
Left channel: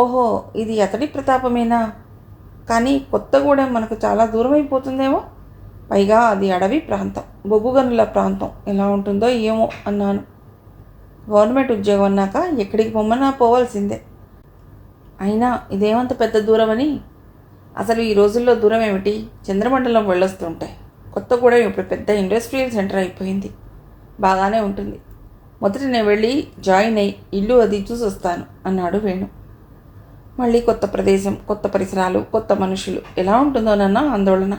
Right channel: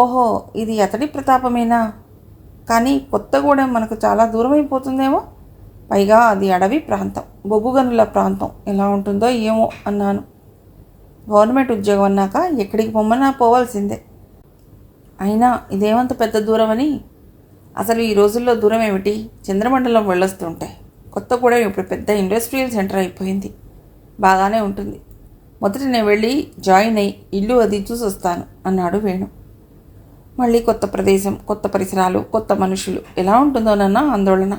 ఓహో, ఇది అతడి ప్రతాపమేనా? కానీ కొత్తగూడెం మనకు చాలా దూరం అయిపోతుందేమో. పైగా అది అడవి ప్రాంతం, బొగ్గుగనుల ప్రాంతం. ఎలా ఉంటుందో ఏమో అన్నాను. గవర్నమెంట్ ఉద్యోగం అన్నాక ఎక్కడికి పొమ్మన్నా పోవాల్సిందే. అయినా ఇదేమంత పెద్ద దూరమని. అసలు ఈ రోజుల్లో దూరం ఏమిటి, చంద్రమండలం వెళ్ళొస్తుంటే. కొత్తగూడెం ఇప్పుడు పెద్ద ఇండస్ట్రియల్ సెంటర్ అయిపోయింది. బాగానే ఉంటుంది. మొదట నేను వెళ్ళి జాయిన్ అయ్యి ఇల్లు అది చూసి వస్తాను అన్నాడు వేణు. మళ్ళీ కొత్త ప్రదేశం, కొత్త పరిసరాలు, కొత్త మనుషులు, ఎలా ఉంటుందోనన్న ఆందోళన.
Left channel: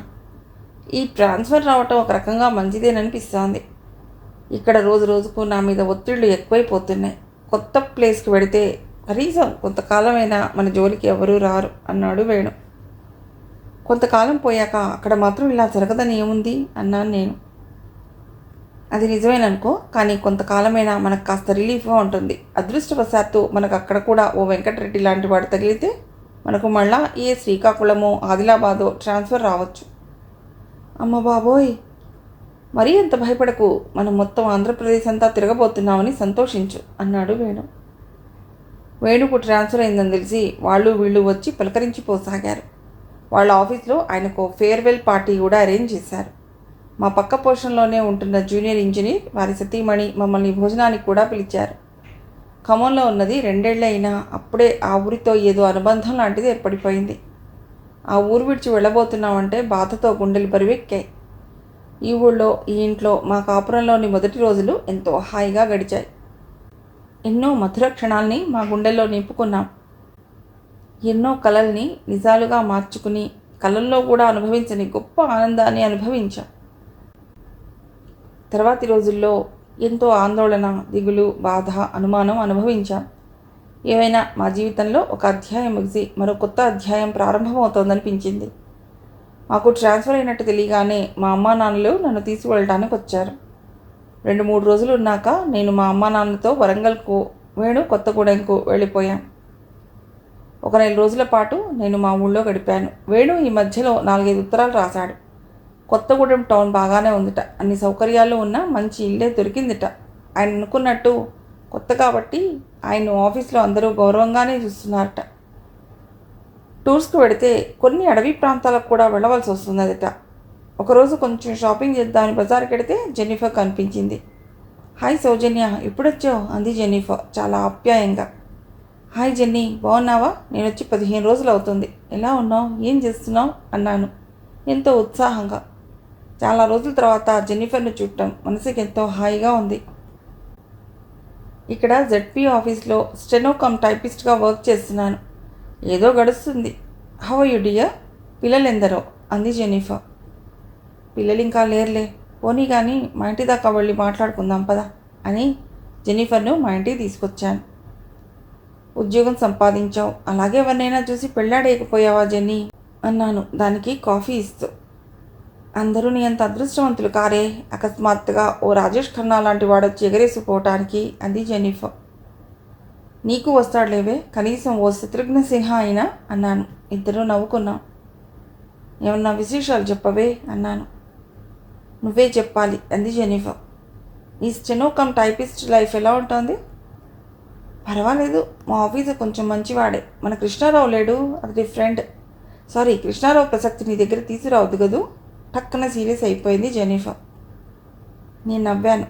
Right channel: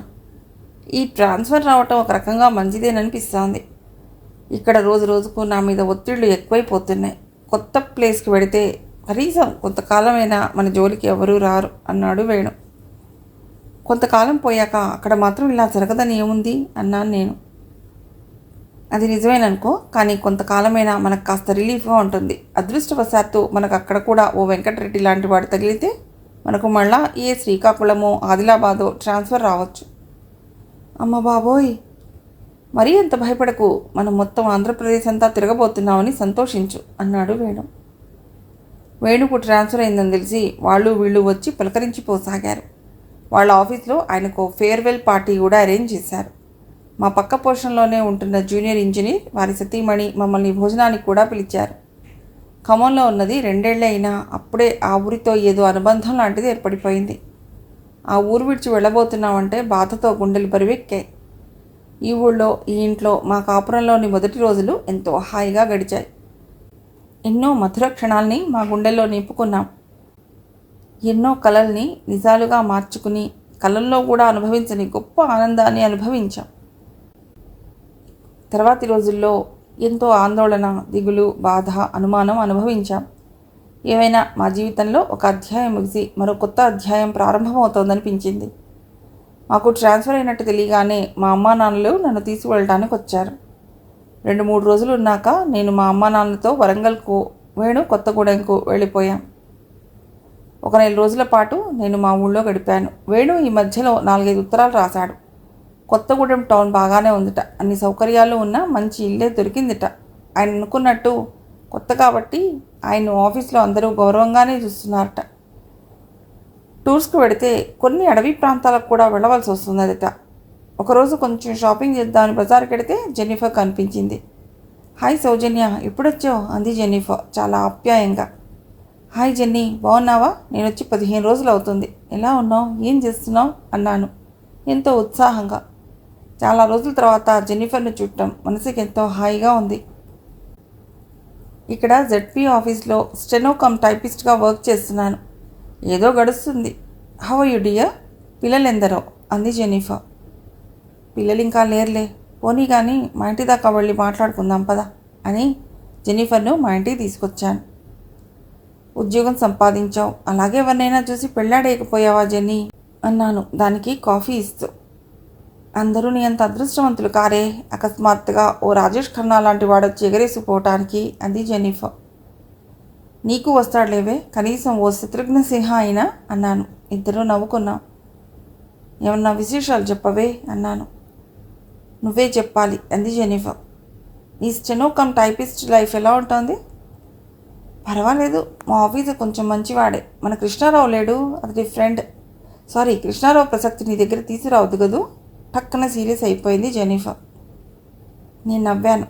ఈ ట్రాన్స్ఫర్ రావటం ఒక రకంగా మంచిదేననిపిస్తోంది. ఇక్కడ రోజు రోజుకు నా మీద ఒత్తిళ్లు ఎక్కువైపోతున్నాయి. కొత్త ప్లేస్కి వెడితే కనీసం కొంతకాలమైనా మన జోలికి ఎవరూ రారు అన్నాడు వేణు. కొంతకాలం పోయాక అక్కడ మాత్రం ఇలా జరగదని ఏముంది అన్నాను నేను. అది నిజమేననుకో, కానీ కొంతకాలమైనా మనకు కాస్త రిలీఫ్గా ఉంటుంది. అదృష్టవశాత్తు మనకు అక్కడ కూడా ఓ వెంకటరెడ్డి లాంటి వాడు తగిలితే మనకు మళ్ళా ఏ శ్రీకాకుళమో ఆదిలాబాదో ట్రాన్స్ఫర్ రావచ్చు. అమ్మ బాబోయ్, మరీ ఎంత భయపడకు, మనం మొత్తం ఆంధ్రప్రదేశ్ అంతా తిరగబోతున్నామని సంతోషించు అన్నాడు వేణు. వేణుకు ట్రాన్స్ఫర్ అయిందని తెలిసి వాళ్ళు వీళ్ళు వచ్చి పలకరించిపోసాగారు. వాళ్ళ ఆఫీస్లో ఆయనకు ఫేర్వెల్ పార్టీ కూడా అరేంజ్ చేశారు. మా పక్క పోర్షన్లోనే ఉంటున్న జూనియర్ ఇంజనీర్ వారి సతీమణి మమ్మల్ని భోజనానికి కూడా పిలిచారు. ఖమ్మంలో ఉన్నది 2 ఏళ్లే అయినా అప్పుడే ఆ ఊరితో ఏదో అనుబంధం లాంటిది ఏర్పడిపోయింది. ఆ ఊరు విడిచి వెళ్ళబోతున్నామంటే బాధతో గుండెలు బరువెక్కాయి. ఈ ఊళ్ళో, ఈ ఇంట్లో మా కాపురంలోని మొదటి రోజులు ఎంతో హాయిగా గడిచాయి. ఎన్నో మధుర క్షణాల్ని మా గుండెల్లో నింపుకున్నాం. ఎన్నో కలల్ని నిజాలుగా మార్చుకుని కలల్లో కూడా అనుభవించని గొప్ప ఆనందాన్ని అనుభవించాం. తర్వాతి రోజుల్లో ఎంతో ఆందోళన, దిగులు, బాధ, అనుమానం అనుభవించాం. ఏమైనా మా జీవితంలో ఒక అధ్యాయం ముగిసి మరో కొత్త అధ్యాయం ప్రారంభమవుతోందనిపించింది. మాకు ట్రాన్స్ఫర్ అయినట్టు తెలియగానే మా అమ్మా నాన్నలు నన్ను తీసుకువెళ్ళడానికి వచ్చారు. 2-3 రోజులు ఉన్నాక నేను మా అమ్మా నాన్నలతో వరంగల్కు, వేణు కొత్తగూడెంకు వెళ్ళిపోయాం. ఒక 4 రోజుల పాటు నేను మా ఊళ్ళో గడిపాను. వేణు ఈ మధ్యలో 4-5 ఉత్తరాలు రాశాడు. కొత్తగూడెం టౌన్ బాగానే ఉందిట, అన్ని సౌకర్యాలు ఉన్న మంచి ఇల్లే దొరికిందిట. ఆయన అనుకున్నట్టు కొత్త కాబట్టి ఆయన ఆఫీస్లో అందరూ గౌరవంగానే చూస్తున్నారట. టూర్స్కి వెడితే కొన్ని అడవి ప్రాంతాలకు కూడా వెళ్ళవలసి వస్తున్నదిట. ఒకరోజు కొంచెం షాపింగ్ చేద్దామని బజార్కి వెడితే జెన్నిఫర్ కనిపించింది. హాయ్ సౌజన్య, ఎప్పుడొచ్చావు అంది జెన్నిఫర్ చాలా ఆప్యాయంగా. హాయ్ జెన్నీ, బాగున్నావా? నేను వచ్చి 15 రోజులు అవుతుంది. ఎలా ఉన్నావు, ఏం చేస్తున్నావు అన్నాను ఎంతో ఉత్సాహంగా. చాలా రోజుల తర్వాత జెన్నిఫర్ను చూడటం మనసుకి ఎంతో హాయిగా ఉంది. ఇక్కడ జెడ్పీ ఆఫీస్లో స్టెనో కమ్ టైపిస్ట్గా వర్క్ చేస్తున్నాను. ఏదో గడుస్తుంది. How you dear? పిల్లలెందరో అంది జెన్నిఫర్. పిల్లలు ఇంకా లేరులే, పోనీ కానీ మా ఇంటి దాకా వెళ్ళి మాట్లాడుకుందాం పదా అని జెన్నిఫర్ను మా ఇంటికి తీసుకొచ్చాను. ఉద్యోగం సంపాదించావు, అలాగే ఎవరినైనా చూసి పెళ్ళాడేయకపోయావా జెన్నీ అన్నాను దానికి కాఫీ ఇస్తూ. అందరూ నీ అంత అదృష్టవంతులు కారే, అకస్మాత్తుగా ఓ రాజేష్ ఖన్నా లాంటి వాడొచ్చి ఎగరేసిపోవటానికి అంది జెన్నిఫర్. నీకు వస్తాడులేవే, కనీసం ఓ శత్రుఘ్న సిన్హా అయినా అన్నాను. ఇద్దరూ నవ్వుకున్నాం. ఏమన్నా విశేషాలు చెప్పవే అన్నాను. నువ్వే చెప్పాలి అంది జెన్నిఫర్. నీ స్టెనో కమ్ టైపిస్ట్ లైఫ్ ఎలా ఉంటుంది? పర్వాలేదు, మా ఆఫీసర్ కొంచెం మంచివాడే. మన కృష్ణారావు లేడు, అది ఫ్రెండ్. సారీ, కృష్ణారావు ప్రసక్తి నీ దగ్గర తీసుకురావద్దు కదూ. పక్కన సీరియస్ అయిపోయింది జెన్నిఫర్. నేను నవ్వాను.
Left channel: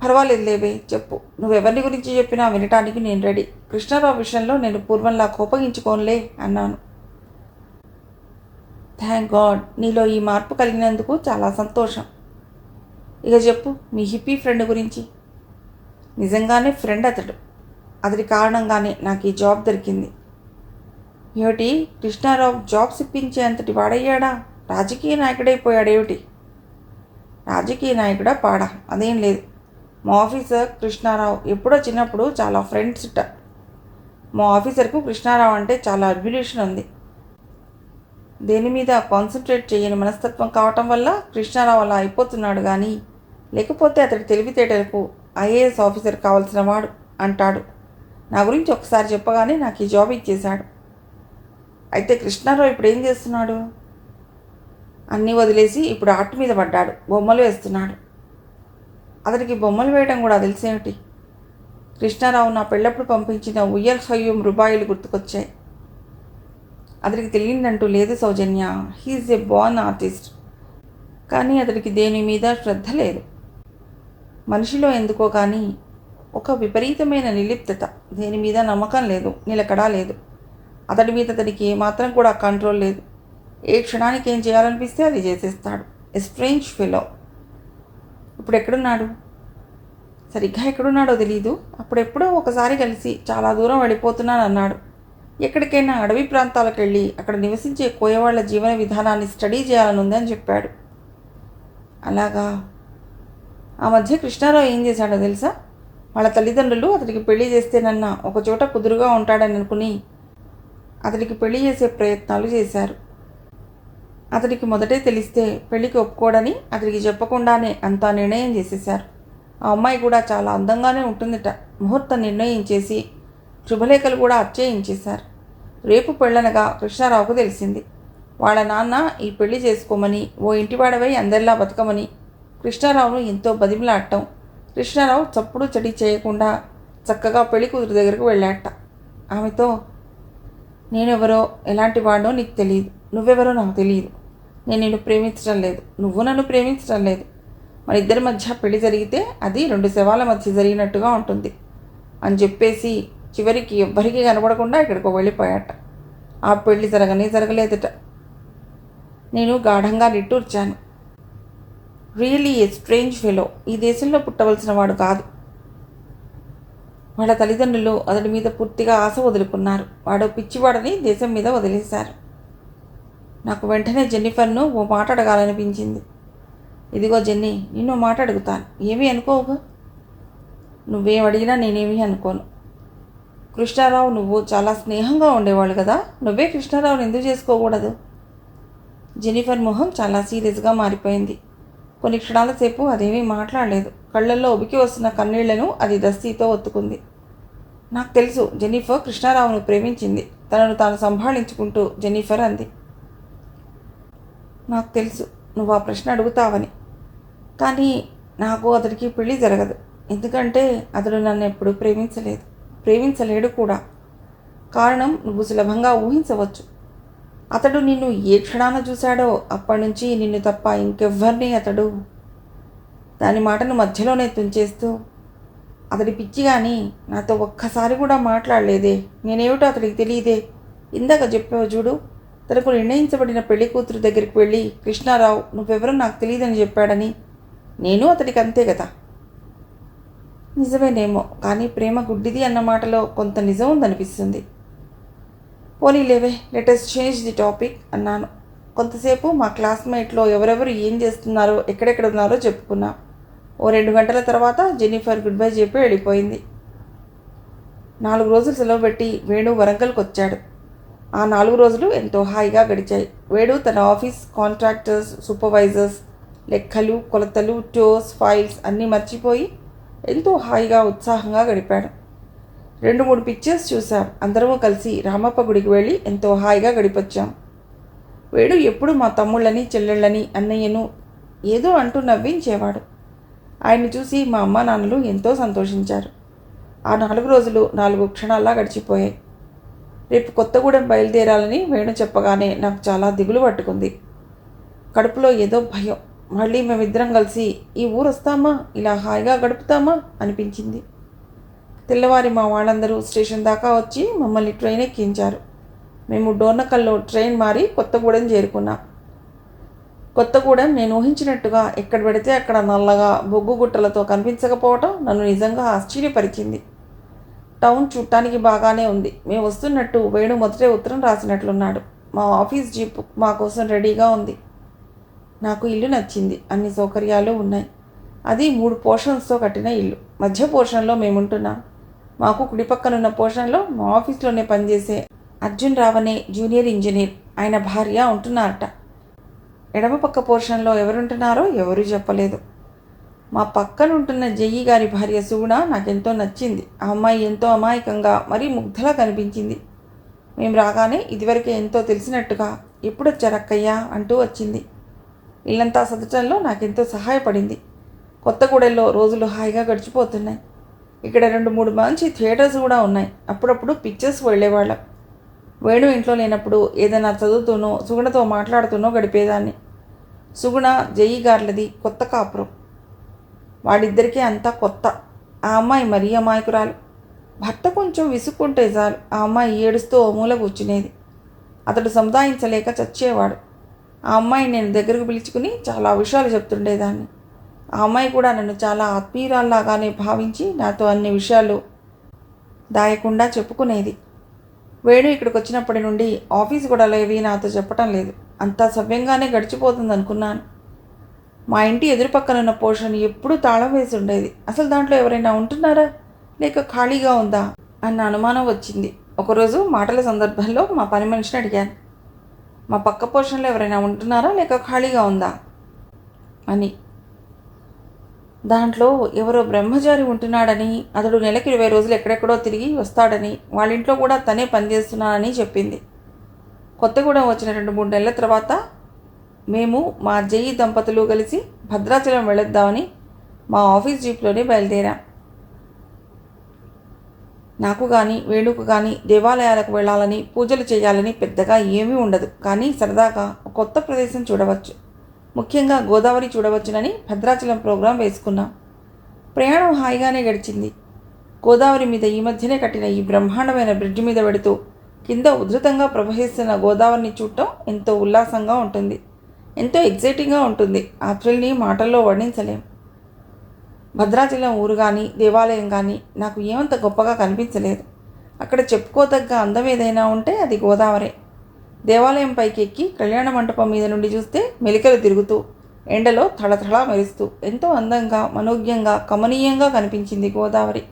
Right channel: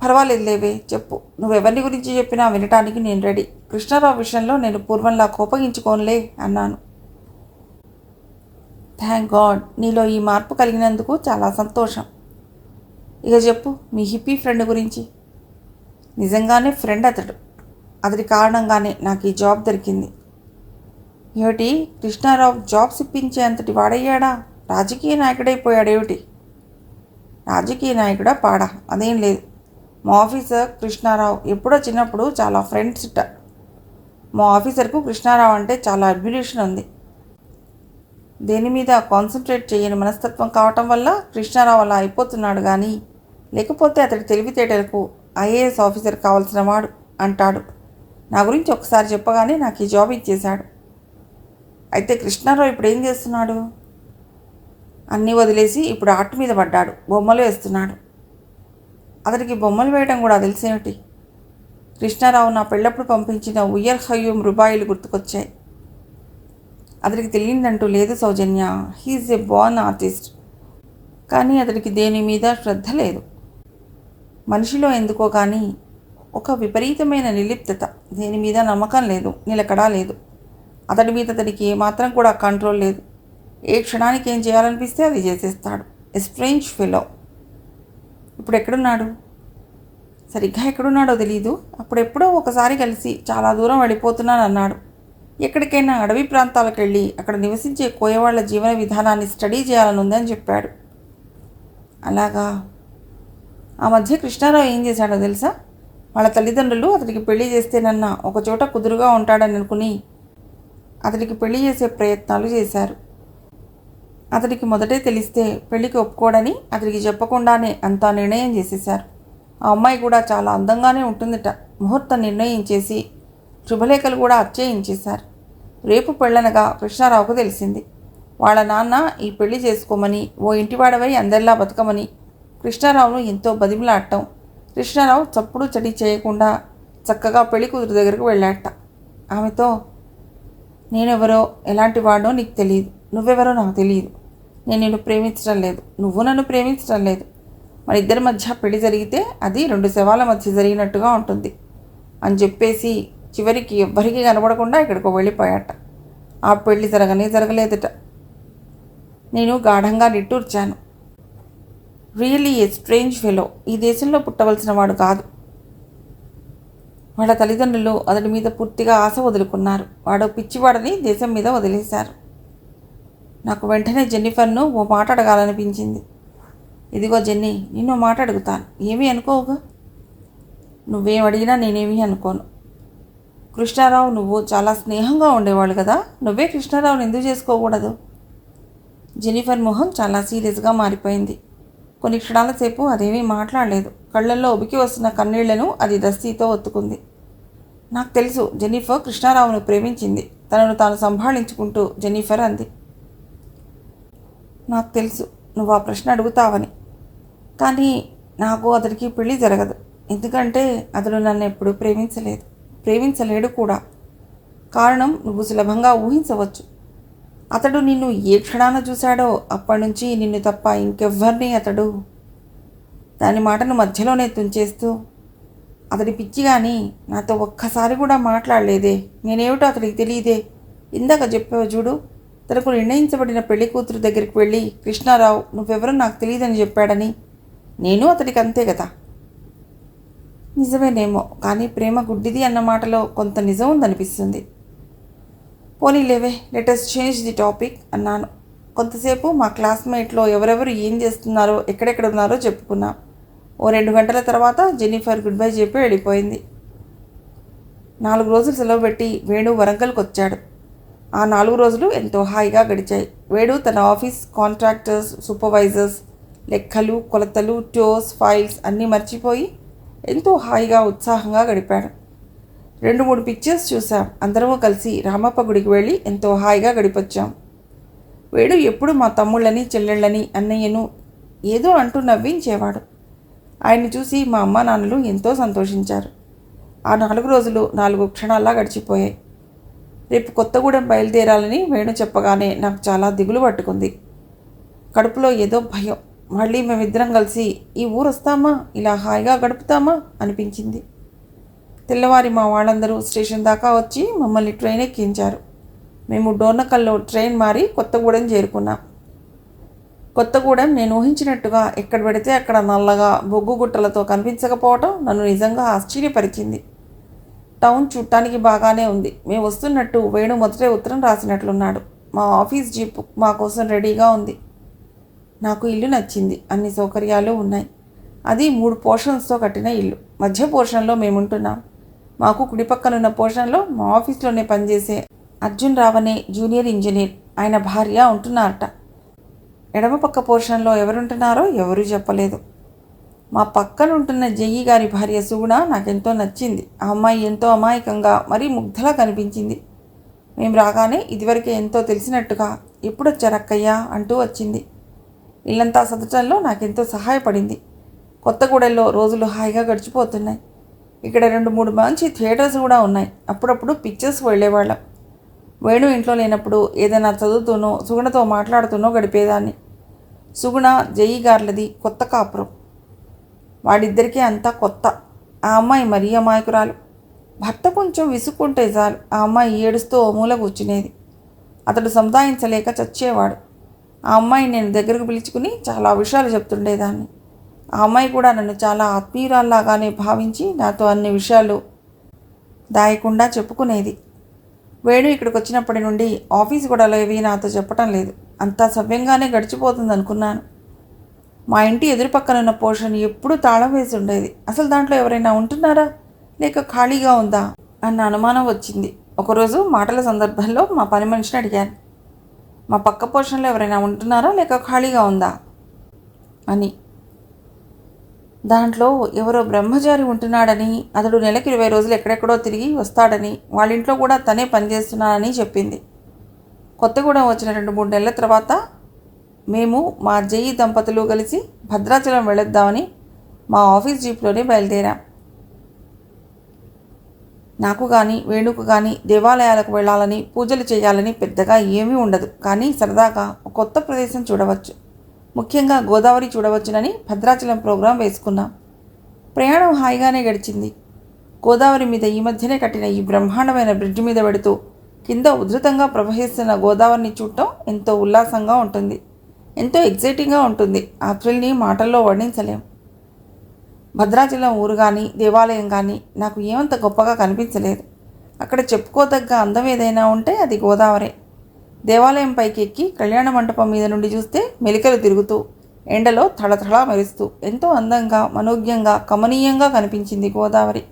పర్వాలేదు లేవే, చెప్పు. నువ్వెవరిని గురించి చెప్పినా వినటానికి నేను రెడీ. కృష్ణారావు విషయంలో నేను పూర్వంలా కోపగించుకోనులే అన్నాను. థ్యాంక్ గాడ్, నీలో ఈ మార్పు కలిగినందుకు చాలా సంతోషం. ఇక చెప్పు మీ హిప్పీ ఫ్రెండ్ గురించి. నిజంగానే ఫ్రెండ్ అతడు. అతడి కారణంగానే నాకు ఈ జాబ్ దొరికింది. ఏమిటి, కృష్ణారావు జాబ్స్ ఇప్పించే అంతటి వాడయ్యాడా? రాజకీయ నాయకుడైపోయాడేమిటి? రాజకీయ నాయకుడా పాడా, అదేం లేదు. మా ఆఫీసర్ కృష్ణారావు ఎప్పుడో చిన్నప్పుడు చాలా ఫ్రెండ్స్ ఇట్ట. మా ఆఫీసర్కు కృష్ణారావు అంటే చాలా అడ్మిరేషన్ ఉంది. దేని మీద కాన్సన్ట్రేట్ చేయని మనస్తత్వం కావటం వల్ల కృష్ణారావు అలా అయిపోతున్నాడు. కానీ లేకపోతే అతడి తెలివితేటలకు ఐఏఎస్ ఆఫీసర్ కావాల్సిన వాడు అంటాడు. నా గురించి ఒకసారి చెప్పగానే నాకు ఈ జాబ్ ఇచ్చేశాడు. అయితే కృష్ణారావు ఇప్పుడు ఏం చేస్తున్నాడు? అన్నీ వదిలేసి ఇప్పుడు ఆర్ట్ మీద పడ్డాడు. బొమ్మలు వేస్తున్నాడు. అతడికి బొమ్మలు వేయడం కూడా తెలిసేమిటి? కృష్ణారావు నా పెళ్ళప్పుడు పంపించిన ఉయ్యర్ హయ్యూం రూపాయలు గుర్తుకొచ్చాయి. అతడికి తెలియదంటూ లేదు సౌజన్య. హీఈస్ ఏ బోర్న్ ఆర్టిస్ట్. కానీ అతడికి దేని మీద శ్రద్ధ లేదు. మనిషిలో ఎందుకో కానీ ఒక విపరీతమైన నిర్లిప్తత, దేని మీద నమ్మకం లేదు, నిలకడా లేదు. అతడి మీద అతడికి ఏమాత్రం కూడా కంట్రోల్ లేదు. ఏ క్షణానికి ఏం చేయాలనిపిస్తే అది చేసేస్తాడు. A strange fellow. ఇప్పుడు ఎక్కడున్నాడు? సరిగ్గా ఎక్కడున్నాడో తెలీదు. అప్పుడెప్పుడో ఒకసారి కలిసి చాలా దూరం వెళ్ళిపోతున్నాను అన్నాడు. ఎక్కడికైనా అడవి ప్రాంతాలకు వెళ్ళి అక్కడ నివసించే కోయవాళ్ల జీవన విధానాన్ని స్టడీ చేయాలని ఉందని చెప్పాడు. అలాగా. ఆ మధ్య కృష్ణారావు ఏం చేశాడో తెలుసా? వాళ్ళ తల్లిదండ్రులు అతడికి పెళ్లి చేస్తేనన్నా ఒకచోట కుదురుగా ఉంటాడని అనుకుని అతడికి పెళ్లి చేసే ప్రయత్నాలు చేశారు. అతడికి మొదటే తెలిస్తే పెళ్లికి ఒప్పుకోడని అతడికి చెప్పకుండానే అంతా నిర్ణయం చేసేశారు. ఆ అమ్మాయి కూడా చాలా అందంగానే ఉంటుందిట. ముహూర్తం నిర్ణయించేసి శుభలేఖలు కూడా అచ్చేయించేశారు. రేపు పెళ్ళనగా కృష్ణారావుకు తెలిసింది. వాళ్ళ నాన్న ఈ పెళ్లి చేసుకోమని, ఓ ఇంటివాడవై అందరిలా బతకమని కృష్ణారావును ఎంతో బదిమలాడటం. కృష్ణారావు చప్పుడు చడి చేయకుండా చక్కగా పెళ్లి కూతురు దగ్గరకు వెళ్ళాట. ఆమెతో, నేనెవరో ఎలాంటి వాడో నీకు తెలియదు, నువ్వెవరో నాకు తెలియదు. నేను నిన్ను ప్రేమించడం లేదు, నువ్వు నన్ను ప్రేమించడం లేదు. మన ఇద్దరి మధ్య పెళ్లి జరిగితే అది 2 శవాల మధ్య జరిగినట్టుగా ఉంటుంది అని చెప్పేసి చివరికి ఎవ్వరికీ కనబడకుండా ఇక్కడికి వెళ్ళిపోయాట. ఆ పెళ్లి జరగలేదట. నేను గాఢంగా నిట్టూర్చాను. Really a strange fellow. ఈ దేశంలో పుట్టవలసిన వాడు కాదు. వాళ్ళ తల్లిదండ్రులు అతడి మీద పూర్తిగా ఆశ వదులుకున్నారు. వాడు పిచ్చివాడని దేశం మీద వదిలేశారు. నాకు వెంటనే జెన్నిఫర్ను ఓ మాట అడగాలనిపించింది. ఇదిగో జెన్నీ, నిన్ను మాట అడుగుతాను, ఏమీ అనుకోవు. నువ్వేం అడిగినా నేనేమీ అనుకోను. కృష్ణారావు నువ్వు చాలా స్నేహంగా ఉండేవాళ్ళు కదా, నువ్వే కృష్ణారావుని ఎందుకు చేసుకోకూడదు? జెన్నిఫర్ మొహం చాలా సీరియస్గా మారిపోయింది. కొన్ని క్షణాల సేపు అదేమీ మాట్లాడలేదు. కళ్ళల్లో ఉబికి వస్తున్న కన్నీళ్లను అది దస్తీతో ఒత్తుకుంది. నాకు తెలుసు జెన్నిఫర్ కృష్ణారావును ప్రేమించింది, తనను తాను సంభాళించుకుంటూ జెన్నిఫర్ అంది. నాకు తెలుసు నువ్వు ఆ ప్రశ్న అడుగుతావని. కానీ నాకు అతడికి పెళ్లి జరగదు. ఎందుకంటే అతడు నన్ను ఎప్పుడూ ప్రేమించలేడు కూడా. కారణం నువ్వు సులభంగా ఊహించవచ్చు. అతడు నిన్ను ఏ క్షణాన చూశాడో అప్పటి నుంచి నిన్ను తప్ప ఇంకెవ్వరిని అతడు. దాని మాటను మధ్యలోనే తుంచేస్తూ, అతడి పిచ్చి కానీ నాతో ఒక్కసారి కూడా మాట్లాడలేదే. నేనేమిటో అతడికి తెలియదే. ఇందాక చెప్పావు చూడు, తనకు నిర్ణయించబడిన పెళ్లి కూతురు దగ్గరికి వెళ్ళి కృష్ణారావు నువ్వెవరో నాకు తెలియదని చెప్పాడని. నేను అతడికి అంతే కదా. నిజమేనేమో, కానీ ప్రేమ గుడ్డిది అన్న మాటలో కొంత నిజం ఉందనిపిస్తుంది. పోనీలేవే, లెటస్ చేంజ్ ది టాపిక్ అన్నాను. కొంతసేపు మా క్లాస్మేట్లో ఎవరెవరు ఏం చేస్తున్నారో ఎక్కడెక్కడ ఉన్నారో చెప్పుకున్నా. ఓ 2 గంటల తర్వాత జెన్నిఫర్ గుడ్ బై చెప్పి వెళ్ళిపోయింది. 4 రోజులు సెలవు పెట్టి వేణు వరంగల్కి వచ్చాడు. ఆ 4 రోజులు ఎంతో హాయిగా గడిచాయి. వేణు తన ఆఫీస్ కాంట్రాక్టర్స్, సూపర్వైజర్స్, లెక్కలు, కొలతలు, టోస్, ఫైల్స్ అన్నీ మర్చిపోయి ఎంతో హాయిగా ఉత్సాహంగా గడిపాడు. 2-3 పిక్చర్స్ చూసాం. అందరము కలిసి రామప్ప గుడికి వెళ్ళి ఎంతో హాయిగా గడిపొచ్చాం. వేణు ఎప్పుడు మా తమ్ముళ్ళని, చెల్లెళ్ళని, అన్నయ్యను ఏదో అంటూ నవ్వించేవాడు. ఆయన్ని చూసి మా అమ్మ నాన్నలు ఎంతో సంతోషించారు. ఆ 4 రోజులు 4 క్షణాల్లా గడిచిపోయాయి. రేపు కొత్తగూడెం బయలుదేరాలని వేణు చెప్పగానే నాకు చాలా దిగులు పట్టుకుంది. కడుపులో ఏదో భయం. మళ్ళీ మేమిద్దరం కలిసి ఈ ఊరు వస్తామా, ఇలా హాయిగా గడుపుతామా అనిపించింది. తెల్లవారి మా వాళ్ళందరూ స్టేషన్ దాకా వచ్చి మమ్మల్ని ట్రైన్ ఎక్కించారు. మేము డోర్నకల్లో ట్రైన్ మారి కొత్తగూడెం చేరుకున్నాం. కొత్తగూడెం నేను ఊహించినట్టుగా ఎక్కడ పెడితే అక్కడ నల్లగా బొగ్గు గుట్టలతో కనిపించకపోవటం నన్ను నిజంగా ఆశ్చర్యపరిచింది. టౌన్ చూడటానికి బాగానే ఉంది. మేము వస్తున్నట్టు వేణు మొదటే ఉత్తరం రాసినట్లున్నాడు. మా ఆఫీస్ జీప్ మా కోసం రెడీగా ఉంది. నాకు ఇల్లు నచ్చింది. అన్ని సౌకర్యాలు ఉన్నాయి. అది 3 పోర్షన్స్తో కట్టిన ఇల్లు. మధ్య పోర్షన్లో మేముంటున్నాం. మాకు కుడి పక్కనున్న పోర్షన్లో మా ఆఫీస్లోనే పనిచేసే అర్జున్ రావనే జూనియర్ ఇంజనీర్, ఆయన భార్య ఉంటున్నారట. ఎడమ పక్క పోర్షన్లో ఎవరుంటున్నారో ఎవరూ చెప్పలేదు. మా పక్కనుంటున్న జయ్యి గారి భార్య సుగుణ నాకెంతో నచ్చింది. ఆ అమ్మాయి ఎంతో అమాయకంగా మరీ ముగ్ధలా కనిపించింది. మేము రాగానే ఇదివరకే ఎంతో తెలిసినట్టుగా ఎప్పుడొచ్చారక్కయ్యా అంటూ వచ్చింది. ఇల్లంతా సదటంలో నాకెంతో సహాయపడింది. కొత్తగూడెంలో రోజులు హాయిగా గడిచిపోతున్నాయి. ఇక్కడ 2-3 మంచి థియేటర్స్ కూడా ఉన్నాయి. అప్పుడప్పుడు పిక్చర్స్కి వెళ్ళేవాళ్ళం. వేణు ఇంట్లో లేనప్పుడు ఏదైనా చదువుతూనో సుగుణతో మాట్లాడుతూనో గడిపేదాన్ని. సుగుణ జయ్యి గార్లది కొత్త కాపురం. వాడిద్దరికీ అంతా కొత్త. ఆ అమ్మాయి మరీ అమాయకురాలు. భర్త కొంచెం విసుక్కుంటే చాలు ఆ అమ్మాయి ఏడుస్తూ ఓ మూల కూర్చునేది. అతడు సముదాయించలేక చచ్చేవాడు. ఆ అమ్మాయి నేను దగ్గరకు పిలుచుకుని చాలా విషయాలు చెప్తుండేదాన్ని. ఆ అమ్మాయి కూడా నన్ను చాలా ఆత్మీయురాల్లాగానే భావించి నాతో అన్ని విషయాలు దాయకుండా చెప్పుకునేది. వేణు ఇక్కడికి వచ్చినప్పటి నుండి ఆఫీస్ గొడవలు ఏవి నాతో చెప్పటం లేదు. అంతా సవ్యంగానే గడిచిపోతుంది అనుకున్నాను. మా ఇంటి ఎదురు పక్కనున్న పోర్షన్ ఎప్పుడూ తాళం వేసి ఉండేది. అసలు దాంట్లో ఎవరైనా ఉంటున్నారా లేక ఖాళీగా ఉందా అన్న అనుమానం వచ్చింది. ఒకరోజు మాటల సందర్భంలో మా పని మనిషిని అడిగాను. మా పక్క పోర్షన్లో ఎవరైనా ఉంటున్నారా లేక ఖాళీగా ఉందా అని. దాంట్లో ఎవరో బ్రహ్మచారి ఉంటున్నాడని, అతడు నెలకి 20 రోజులు ఎక్కడెక్కడో తిరిగి వస్తాడని, వాళ్ళ ఇంట్లో కూడా తనే పనిచేస్తున్నానని చెప్పింది. కొత్తగూడెం వచ్చిన 2-3 నెలల తర్వాత మేము మా జేఈ దంపతులు కలిసి భద్రాచలం వెళ్ళొద్దామని మా ఆఫీస్ జీప్లోనే బయలుదేరాం. నాకు కానీ వేణుకు కానీ దేవాలయాలకు వెళ్ళాలని, పూజలు చేయాలని పెద్దగా ఏమీ ఉండదు. కానీ సరదాగా ఒక కొత్త ప్రదేశం చూడవచ్చు, ముఖ్యంగా గోదావరి చూడవచ్చునని భద్రాచలం ప్రోగ్రాం వేసుకున్నాం. ప్రయాణం హాయిగానే గడిచింది. గోదావరి మీద ఈ మధ్యనే కట్టిన ఈ బ్రహ్మాండమైన బ్రిడ్జి మీద పెడుతూ కింద ఉధృతంగా ప్రవహిస్తున్న గోదావరిని చూడటం ఎంతో ఉల్లాసంగా ఉంటుంది, ఎంతో ఎగ్జైటింగ్గా ఉంటుంది. ఆ థ్రిల్ని మాటల్లో వర్ణించలేం. భద్రాచలం ఊరు కానీ దేవాలయం కానీ నాకు ఏమంత గొప్పగా కనిపించలేదు. అక్కడ చెప్పుకోదగ్గ అందం ఏదైనా ఉంటే అది గోదావరే. దేవాలయం పైకి ఎక్కి కళ్యాణ మంటపం మీద నుండి చూస్తే మెలికలు తిరుగుతూ ఎండలో థళథళ మెరుస్తూ ఎంతో అందంగా, మనోజ్ఞంగా, కమనీయంగా కనిపించింది గోదావరి.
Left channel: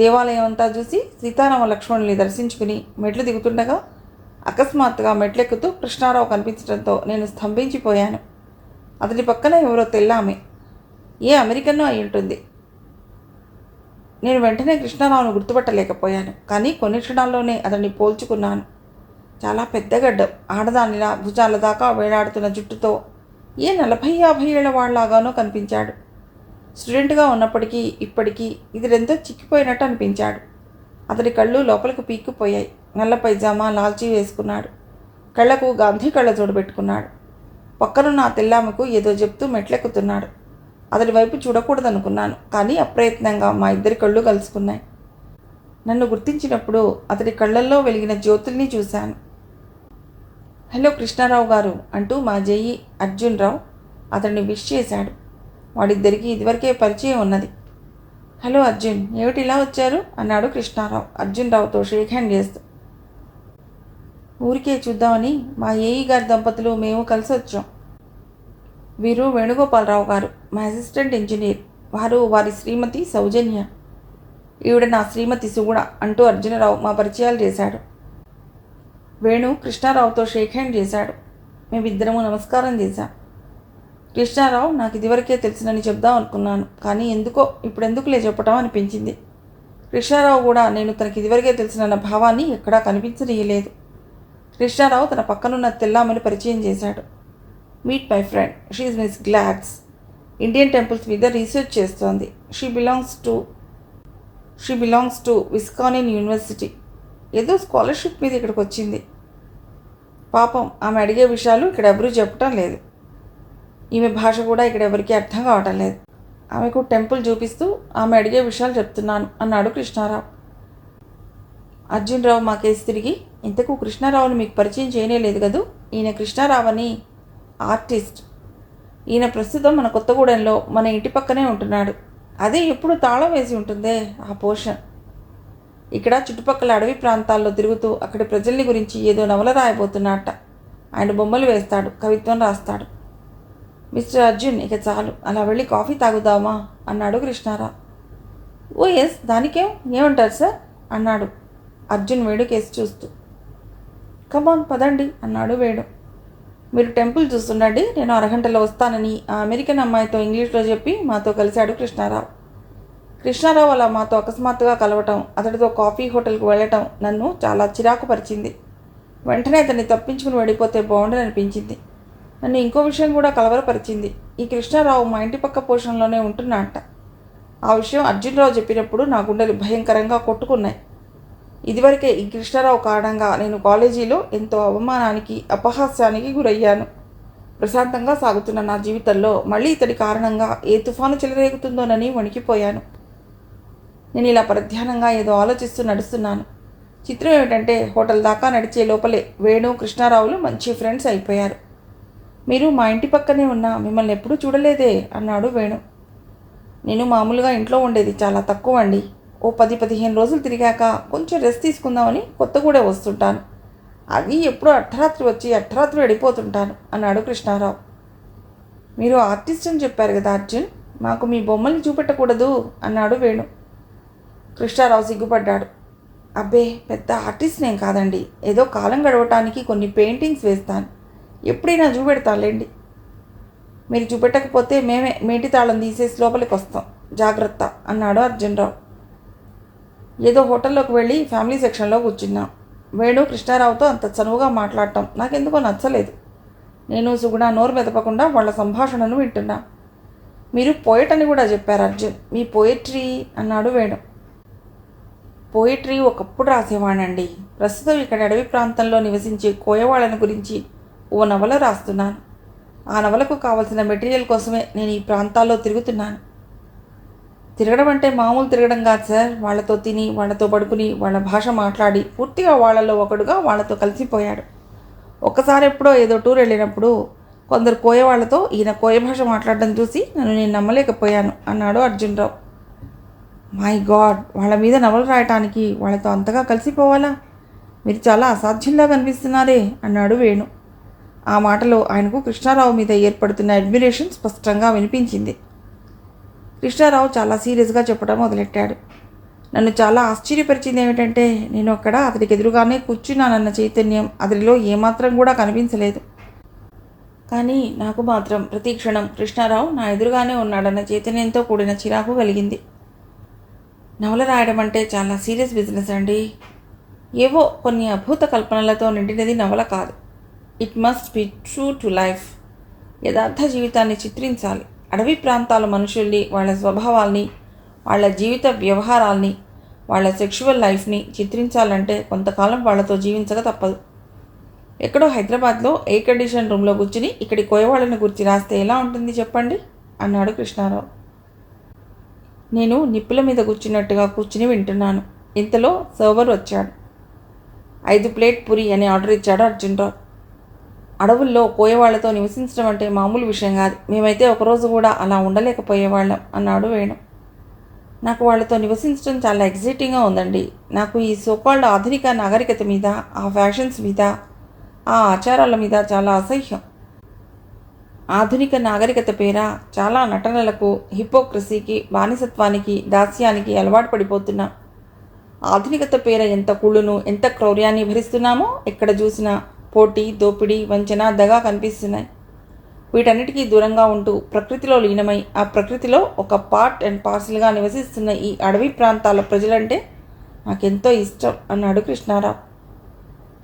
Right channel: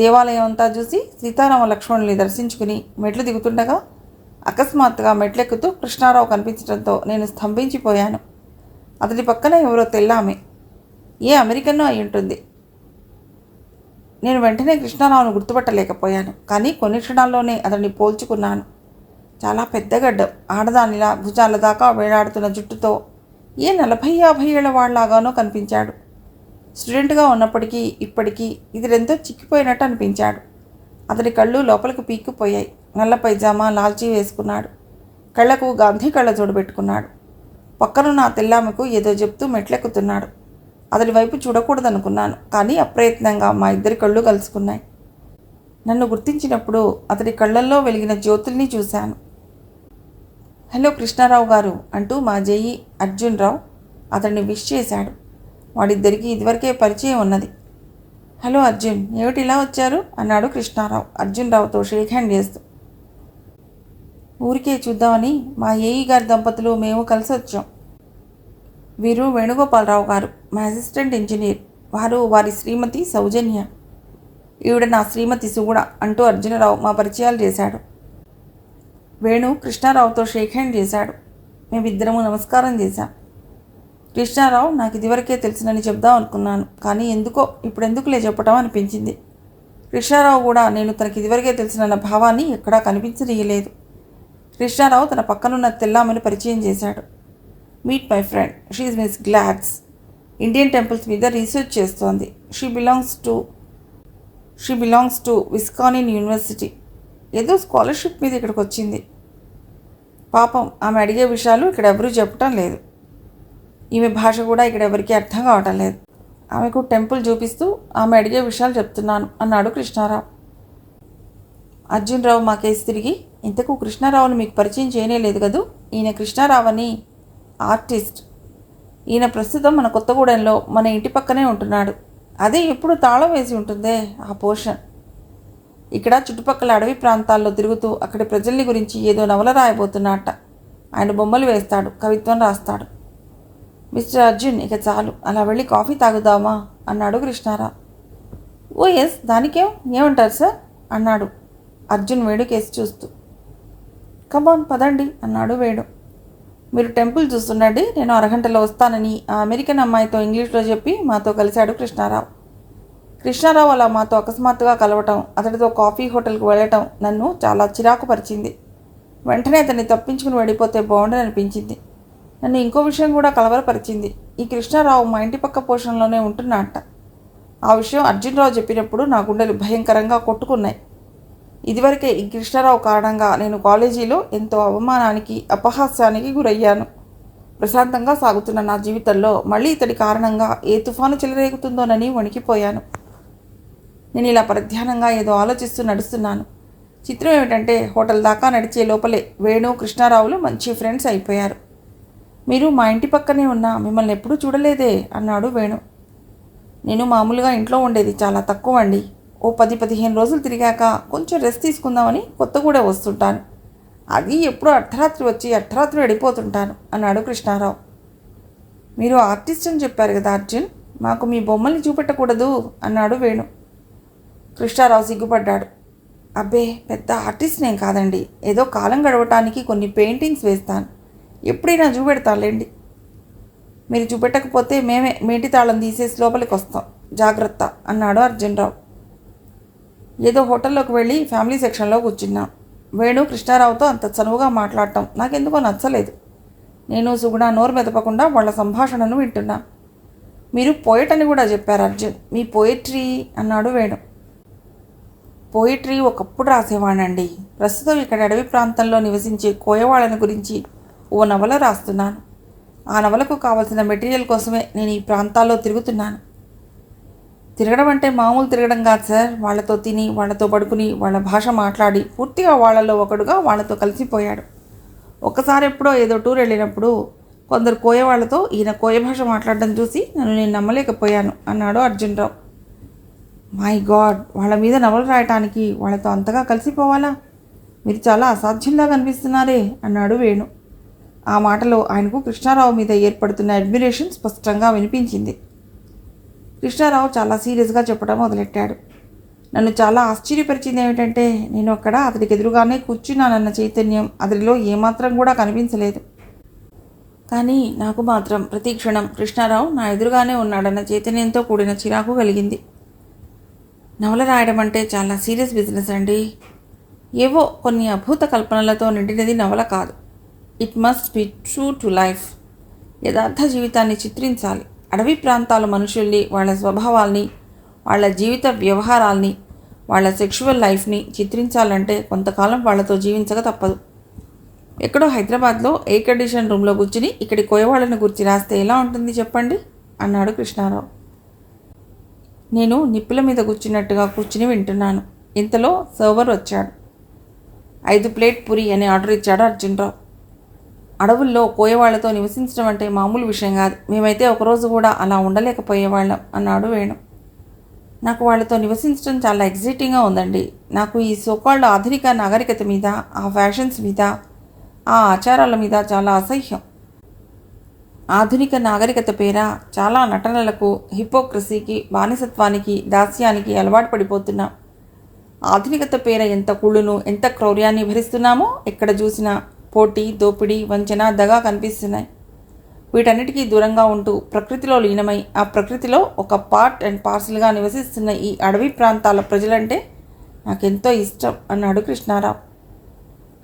దేవాలయం అంతా చూసి సీతారామ లక్ష్మణుల్ని దర్శించుకుని మెట్లు దిగుతుండగా అకస్మాత్తుగా మెట్లెక్కుతూ కృష్ణారావు కనిపించడంతో నేను స్తంభించిపోయాను. అతడి పక్కన ఎవరో తెల్లామె, ఏ అమెరికన్నో అయి ఉంటుంది. నేను వెంటనే కృష్ణారావును గుర్తుపట్టలేకపోయాను, కానీ కొన్ని క్షణాల్లోనే అతన్ని పోల్చుకున్నాను. చాలా పెద్ద గడ్డం, ఆడదానిలా భుజాల దాకా వేలాడుతున్న జుట్టుతో ఏ 40-50 ఏళ్ల వాళ్ళలాగానో కనిపించాడు. స్టూడెంట్గా ఉన్నప్పటికీ ఇప్పటికీ ఇతడెంతో చిక్కిపోయినట్టు అనిపించాడు. అతడి కళ్ళు లోపలికి పీక్కుపోయాయి. నల్ల పైజామా, లాల్చీ వేసుకున్నాడు. కళ్ళకు గాంధీ కళ్ళజోడు పెట్టుకున్నాడు. పక్కనున్న ఆ తెల్లామెకు ఏదో చెప్తూ మెట్లెక్కుతున్నాడు. అతడి వైపు చూడకూడదనుకున్నాను, కానీ అప్రయత్నంగా మా ఇద్దరి కళ్ళు కలుసుకున్నాయి. నన్ను గుర్తించినప్పుడు అతడి కళ్ళల్లో వెలిగిన జ్యోతుల్ని చూశాను. హలో కృష్ణారావు గారు అంటూ మా జేఈ అర్జున్ రావు అతన్ని విష్ చేశాడు. వాడిద్దరికీ ఇదివరకే పరిచయం ఉన్నది. హలో అర్జున్, ఏమిటి ఇలా వచ్చారు అన్నాడు కృష్ణారావు అర్జున్ రావుతో షేక్ హ్యాండ్ చేస్తూ. ఊరికే చూద్దామని మా ఏఈ గారి దంపతులు మేము కలిసి వచ్చాం. వీరు వేణుగోపాలరావు గారు, మా అసిస్టెంట్ ఇంజనీర్. వారి శ్రీమతి సౌజన్య. ఈవిడ నా శ్రీమతి సుగుణ అంటూ అర్జునరావు మా పరిచయాలు చేశాడు. వేణు కృష్ణారావుతో షేక్ హ్యాండ్ చేశాడు. మేమిద్దరము నమస్కారం చేశాం. కృష్ణారావు నాకు ఇదివరకే తెలుసునని చెప్దాం అనుకున్నాను, కానీ ఇప్పుడెందుకులే చెప్పటం అనిపించింది. కృష్ణారావు కూడా నేను తనకి ఇదివరకే తెలుసునన్న భావాన్ని ఎక్కడా కనిపించనీయలేదు. కృష్ణారావు తన పక్కనున్న తెల్లామని పరిచయం చేశాడు. Meet my friend, she is miss Gladys. Indian temples మీద రీసెర్చ్ చేస్తోంది. She belongs to Wisconsin university. ఏదో స్కాలర్షిప్ మీద ఇక్కడికి వచ్చింది. పాపం, ఆమె అడిగే విషయాలు ఇక్కడ ఎవరూ చెప్పటం లేదు. ఈమె భాష కూడా ఇక్కడ ఎవరికీ అర్థం కావటం లేదు. ఆమెకు టెంపుల్ చూపిస్తూ ఆమె అడిగే విషయాలు చెప్తున్నాను అన్నాడు కృష్ణారావు. అర్జున్ రావు మా కేసు తిరిగి, ఇంతకు కృష్ణారావుని మీకు పరిచయం చేయలేదు కదూ. ఈయన కృష్ణారావు అని ఆర్టిస్ట్. ఈయన ప్రస్తుతం మన కొత్తగూడెంలో మన ఇంటి పక్కనే ఉంటున్నాడు. అదే ఎప్పుడు తాళం వేసి ఉంటుందే ఆ పోర్షన్. ఇక్కడ చుట్టుపక్కల అడవి ప్రాంతాల్లో తిరుగుతూ అక్కడి ప్రజల్ని గురించి ఏదో నవల రాయబోతున్నట్ట. ఆయన బొమ్మలు వేస్తాడు, కవిత్వం రాస్తాడు. మిస్టర్ అర్జున్, ఇక చాలు, అలా వెళ్ళి కాఫీ తాగుదామా అన్నాడు కృష్ణారావు. ఓ ఎస్, దానికేం, ఏమంటారు సార్ అన్నాడు అర్జున్ వేణు కేసు చూస్తూ. కమాన్ పదండి అన్నాడు వేణు. మీరు టెంపుల్ చూస్తుండండి, నేను అరగంటలో వస్తానని ఆ అమెరికన్ అమ్మాయితో ఇంగ్లీష్లో చెప్పి మాతో కలిశాడు కృష్ణారావు. కృష్ణారావు అలా మాతో అకస్మాత్తుగా కలవటం, అతడితో కాఫీ హోటల్కి వెళ్ళటం నన్ను చాలా చిరాకు పరిచింది. వెంటనే అతన్ని తప్పించుకుని వెళ్ళిపోతే బాగుండని అనిపించింది. నన్ను ఇంకో విషయం కూడా కలవరపరిచింది. ఈ కృష్ణారావు మా ఇంటి పక్క పోర్షన్లోనే ఉంటున్నట్ట. ఆ విషయం అర్జున్రావు చెప్పినప్పుడు నా గుండెలు భయంకరంగా కొట్టుకున్నాయి. ఇదివరకే ఈ కృష్ణారావు కారణంగా నేను కాలేజీలో ఎంతో అవమానానికి, అపహాస్యానికి గురయ్యాను. ప్రశాంతంగా సాగుతున్న నా జీవితంలో మళ్ళీ ఇతడి కారణంగా ఏ తుఫాను చెలరేగుతుందోనని వణికిపోయాను. నేను ఇలా పరధ్యానంగా ఏదో ఆలోచిస్తూ నడుస్తున్నాను. చిత్రం ఏమిటంటే, హోటల్ దాకా నడిచే లోపలే వేణు, కృష్ణారావులు మంచి ఫ్రెండ్స్ అయిపోయారు. మీరు మా ఇంటి పక్కనే ఉన్నా మిమ్మల్ని ఎప్పుడూ చూడలేదే అన్నాడు వేణు. నేను మామూలుగా ఇంట్లో ఉండేది చాలా తక్కువ అండి. ఓ 10-15 రోజులు తిరిగాక కొంచెం రెస్ట్ తీసుకుందామని కొత్తగూడెం వస్తుంటాను. అది ఎప్పుడో అర్ధరాత్రి వచ్చి అర్ధరాత్రి వెళ్ళిపోతుంటాను అన్నాడు కృష్ణారావు. మీరు ఆర్టిస్ట్ అని చెప్పారు కదా అర్జున్, మాకు మీ బొమ్మల్ని చూపెట్టకూడదు అన్నాడు వేణు. కృష్ణారావు సిగ్గుపడ్డాడు. అబ్బే, పెద్ద ఆర్టిస్ట్ నేను కాదండి. ఏదో కాలం గడవటానికి కొన్ని పెయింటింగ్స్ వేస్తాను. ఎప్పుడైనా చూపెడతానులేండి. మీరు చూపెట్టకపోతే మేమే మేటి తాళం తీసేసి లోపలికి వస్తాం. జాగ్రత్త అన్నాడు అర్జున్రావు. ఏదో హోటల్లోకి వెళ్ళి ఫ్యామిలీ సెక్షన్లో కూర్చున్నాం. వేణు కృష్ణారావుతో అంత చనువుగా మాట్లాడటం నాకెందుకో నచ్చలేదు. నేను సుగుణ నోరు మెదపకుండా వాళ్ళ సంభాషణను వింటున్నా. మీరు పోయట్ అని కూడా చెప్పారు అర్జున్. మీ పోయిట్రీ అన్నాడు వేణు. పోయిట్రీ ఒకప్పుడు రాసేవాణండి. ప్రస్తుతం ఇక్కడ అడవి ప్రాంతంలో నివసించే కోయవాళ్ళని గురించి ఓ నవల రాస్తున్నాను. ఆ నవలకు కావలసిన మెటీరియల్ కోసమే నేను ఈ ప్రాంతాల్లో తిరుగుతున్నాను. తిరగడం అంటే మామూలు తిరగడం కాదు సార్. వాళ్ళతో తిని, వాళ్ళతో పడుకుని, వాళ్ళ భాష మాట్లాడి పూర్తిగా వాళ్ళలో ఒకడుగా వాళ్ళతో కలిసిపోయాడు. ఒక్కసారి ఎప్పుడో ఏదో టూర్ వెళ్ళినప్పుడు కొందరు కోయ వాళ్ళతో ఈయన కోయ భాష మాట్లాడడం చూసి నేను నమ్మలేకపోయాను అన్నాడు అర్జున్రావు. మై గాడ్, వాళ్ళ మీద నవలు రాయటానికి వాళ్ళతో అంతగా కలిసిపోవాలా? మీరు చాలా అసాధ్యంగా కనిపిస్తున్నారే అన్నాడు వేణు. ఆ మాటలో ఆయనకు కృష్ణారావు మీద ఏర్పడుతున్న అడ్మిరేషన్ స్పష్టంగా వినిపించింది. కృష్ణారావు చాలా సీరియస్గా చెప్పడం మొదలెట్టాడు. నన్ను చాలా ఆశ్చర్యపరిచింది ఏమిటంటే, నేను అక్కడ అతడికి ఎదురుగానే కూర్చున్నానన్న చైతన్యం అతడిలో ఏమాత్రం కూడా కనిపించలేదు. కానీ నాకు మాత్రం ప్రతి క్షణం కృష్ణారావు నా ఎదురుగానే ఉన్నాడన్న చైతన్యంతో కూడిన చిరాకు కలిగింది. నవల రాయడం అంటే చాలా సీరియస్ బిజినెస్ అండి. ఏవో కొన్ని అభూత కల్పనలతో నిండినది నవల కాదు. It must be true to life. యథార్థ జీవితాన్ని చిత్రించాలి. అడవి ప్రాంతాల మనుషుల్ని, వాళ్ళ స్వభావాల్ని, వాళ్ళ జీవిత వ్యవహారాల్ని, వాళ్ళ సెక్షువల్ లైఫ్ని చిత్రించాలంటే కొంతకాలం వాళ్ళతో జీవించక తప్పదు. ఎక్కడో హైదరాబాద్లో ఎయిర్ కండిషన్ రూమ్లో కూర్చుని ఇక్కడి కోయవాళ్ళని గురించి రాస్తే ఎలా ఉంటుంది చెప్పండి అన్నాడు కృష్ణారావు. నేను నిప్పుల మీద కూర్చున్నట్టుగా కూర్చుని వింటున్నాను. ఇంతలో సర్వర్ వచ్చాడు. 5 ప్లేట్ పూరి అని ఆర్డర్ ఇచ్చాడు అర్జున్రావు. అడవుల్లో కోయవాళ్లతో నివసించడం అంటే మామూలు విషయం కాదు. మేమైతే ఒకరోజు కూడా అలా ఉండలేకపోయేవాళ్ళం అన్నాడు వేణు. నాకు వాళ్ళతో నివసించడం చాలా ఎగ్జైటింగ్గా ఉందండి. నాకు ఈ సోకాల్డ్ ఆధునిక నాగరికత మీద, ఆ ఫ్యాషన్స్ మీద, ఆ ఆచారాల మీద చాలా అసహ్యం. ఆధునిక నాగరికత పేర చాలా నటనలకు, హిపోక్రసీకి, బానిసత్వానికి, దాస్యానికి అలవాటు పడిపోతున్నాం. ఆధునికత పేర ఎంత కుళ్ళును, ఎంత క్రౌర్యాన్ని భరిస్తున్నామో ఎక్కడ చూసినా పోటీ, దోపిడీ, వంచన, దగా కనిపిస్తున్నాయి. వీటన్నిటికీ దూరంగా ఉంటూ ప్రకృతిలో లీనమై ఆ ప్రకృతిలో ఒక పార్ట్ అండ్ పార్సల్గా నివసిస్తున్న ఈ అడవి ప్రాంతాల ప్రజలంటే నాకెంతో ఇష్టం అన్నాడు కృష్ణారావు.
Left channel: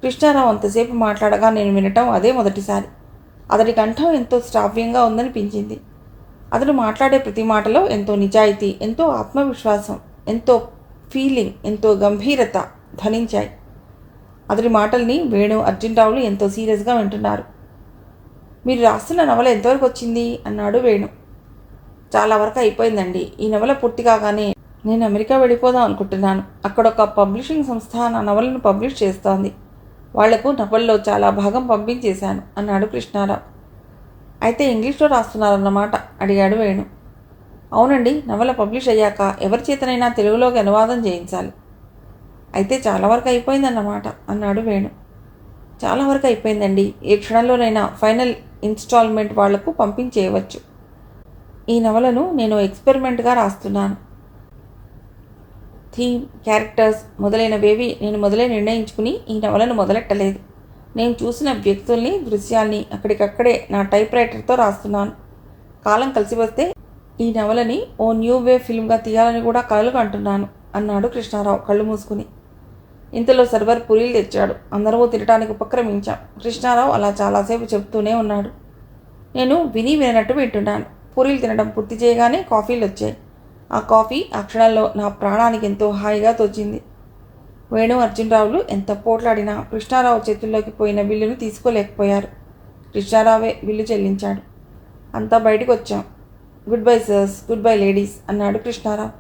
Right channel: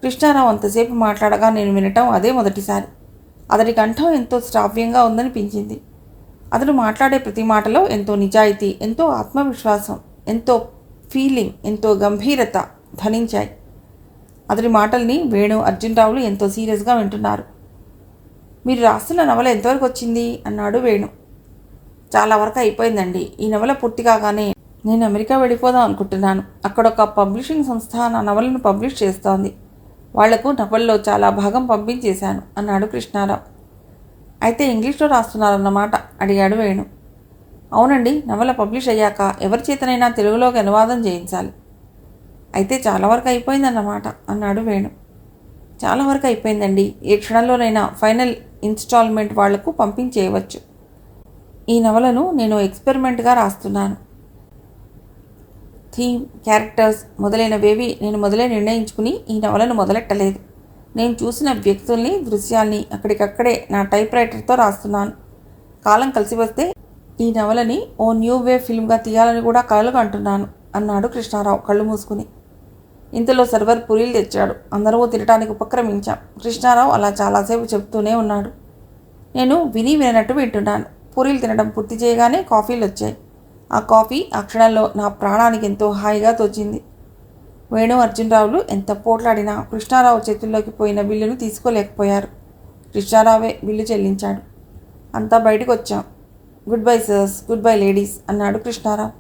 కృష్ణారావు అంతసేపు మాట్లాడగా నేను వినటం అదే మొదటిసారి. అతడి కంఠం ఎంతో శ్రావ్యంగా ఉందనిపించింది. అతడు మాట్లాడే ప్రతి మాటలో ఎంతో నిజాయితీ, ఎంతో ఆత్మవిశ్వాసం, ఎంతో ఫీలింగ్, ఎంతో గంభీరత ధ్వనించాయి. అతడి మాటల్ని వేణు, అర్జున్రావులు ఎంతో సీరియస్గా వింటున్నారు. మీరు రాస్తున్న నవల ఎంతవరకు వచ్చింది అన్నాడు వేణు. చాలా వరకు అయిపోయిందండి. ఈ నవల పూర్తి కాగానే నేను అమెరికా వెళ్ళిపోదాం అనుకుంటున్నాను. అక్కడ ఒక పబ్లిషింగ్ సంస్థ నా నవలను పబ్లిష్ చేస్తోంది. వాళ్లకు నవల్లో చాలా భాగం పంపించేశాను అన్నాడు కృష్ణారావు. అయితే ఇంగ్లీష్లో రాస్తున్నారన్నమాట అడిగాడు వేణు. అవునండి, నవల పబ్లిష్ అయ్యాక ఎవరి చేతనైనా తెలుగులోకి అనువాదం చేయించాలి. అయితే చాలా వరకు అయిపోయిందన్నమాట అన్నాడు వేణు. చాలా వరకు అయిపోయిందండి. ఏ క్షణంలోనైనా ఫైనల్ ఇన్స్టాల్మెంట్ వాళ్లకు పంపించేయవచ్చు. ఈ నవలను నేను ఎక్స్పెరిమెంట్గా రాస్తున్నాను. థీమ్, క్యారెక్టర్స్ మొదలైనవేవి నేను మొదలై నిర్ణయించుకుని ఈ నవలను మొదలెట్టలేదు. నేను చూసిన వ్యక్తుల్ని, దృశ్యాల్ని అక్కడికక్కడే నా టైప్ రైటర్తో రాస్తున్నాను. కాలం కలిసి వస్తే ఈ నవలని ఓ న్యూ వే ఫిల్మ్గా తీయాలని కూడా కలలు అంటున్నాను అన్నాడు కృష్ణారావు కళ్ళు మూసుకుని. ఇంతలో సర్వర్ పూరీలు తెచ్చాడు. అందరూ తినడానికి ఉపక్రమించాం. కృష్ణారావు అలా చాలాసేపు చెప్తూనే ఉన్నాడు. నేను విని వినట్టు వింటున్నాను. పూరీలు తినడం పూర్తి చేయగానే కాఫీలు వచ్చాయి. ఆ కాఫీ ఆ క్షణంలో నా ప్రాణానికి ఎంతో హాయిగా తోచింది. వేణు, అర్జున్రావులు ఎంత పోట్లాడినా కృష్ణారావు చేతుల్లోకి పోయిన బిల్లును తీసుకోలేకపోయారు. కృష్ణారావే బిల్లు చెల్లించాడు. అంతా బయటకు వచ్చాం. Good bye sirs, good bye ladies అన్నాడు కృష్ణారావు.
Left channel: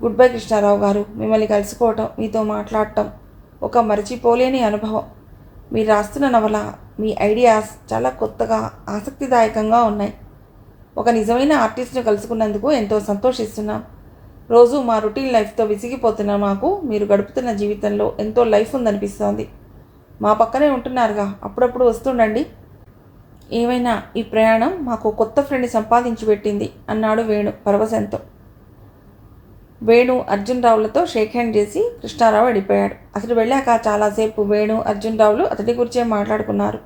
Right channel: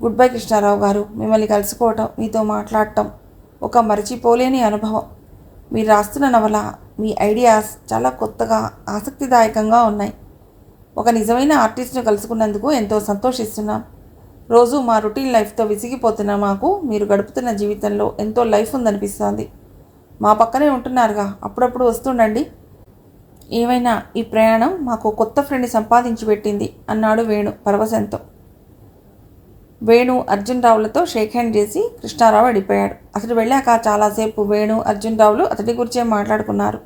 గుడ్ బై కృష్ణారావు గారు. మిమ్మల్ని కలుసుకోవటం, మీతో మాట్లాడటం ఒక మరచిపోలేని అనుభవం. మీరు రాస్తున్న నవల, మీ ఐడియాస్ చాలా కొత్తగా, ఆసక్తిదాయకంగా ఉన్నాయి. ఒక నిజమైన ఆర్టిస్ట్ను కలుసుకున్నందుకు ఎంతో సంతోషిస్తున్నాం. రోజు మా రొటీన్ లైఫ్తో విసిగిపోతున్న మాకు మీరు గడుపుతున్న జీవితంలో ఎంతో లైఫ్ ఉందనిపిస్తోంది. మా పక్కనే ఉంటున్నారుగా, అప్పుడప్పుడు వస్తుండండి. ఏమైనా ఈ ప్రయాణం మాకు కొత్త ఫ్రెండ్ సంపాదించి పెట్టింది అన్నాడు వేణు పరవశంతో. వేణు అర్జున్ రావులతో షేక్ హ్యాండ్ చేసి కృష్ణారావు వెళ్ళిపోయాడు. అతడు వెళ్ళాక చాలాసేపు వేణు అర్జున్ రావులు అతడి గురించే మాట్లాడుకున్నారు.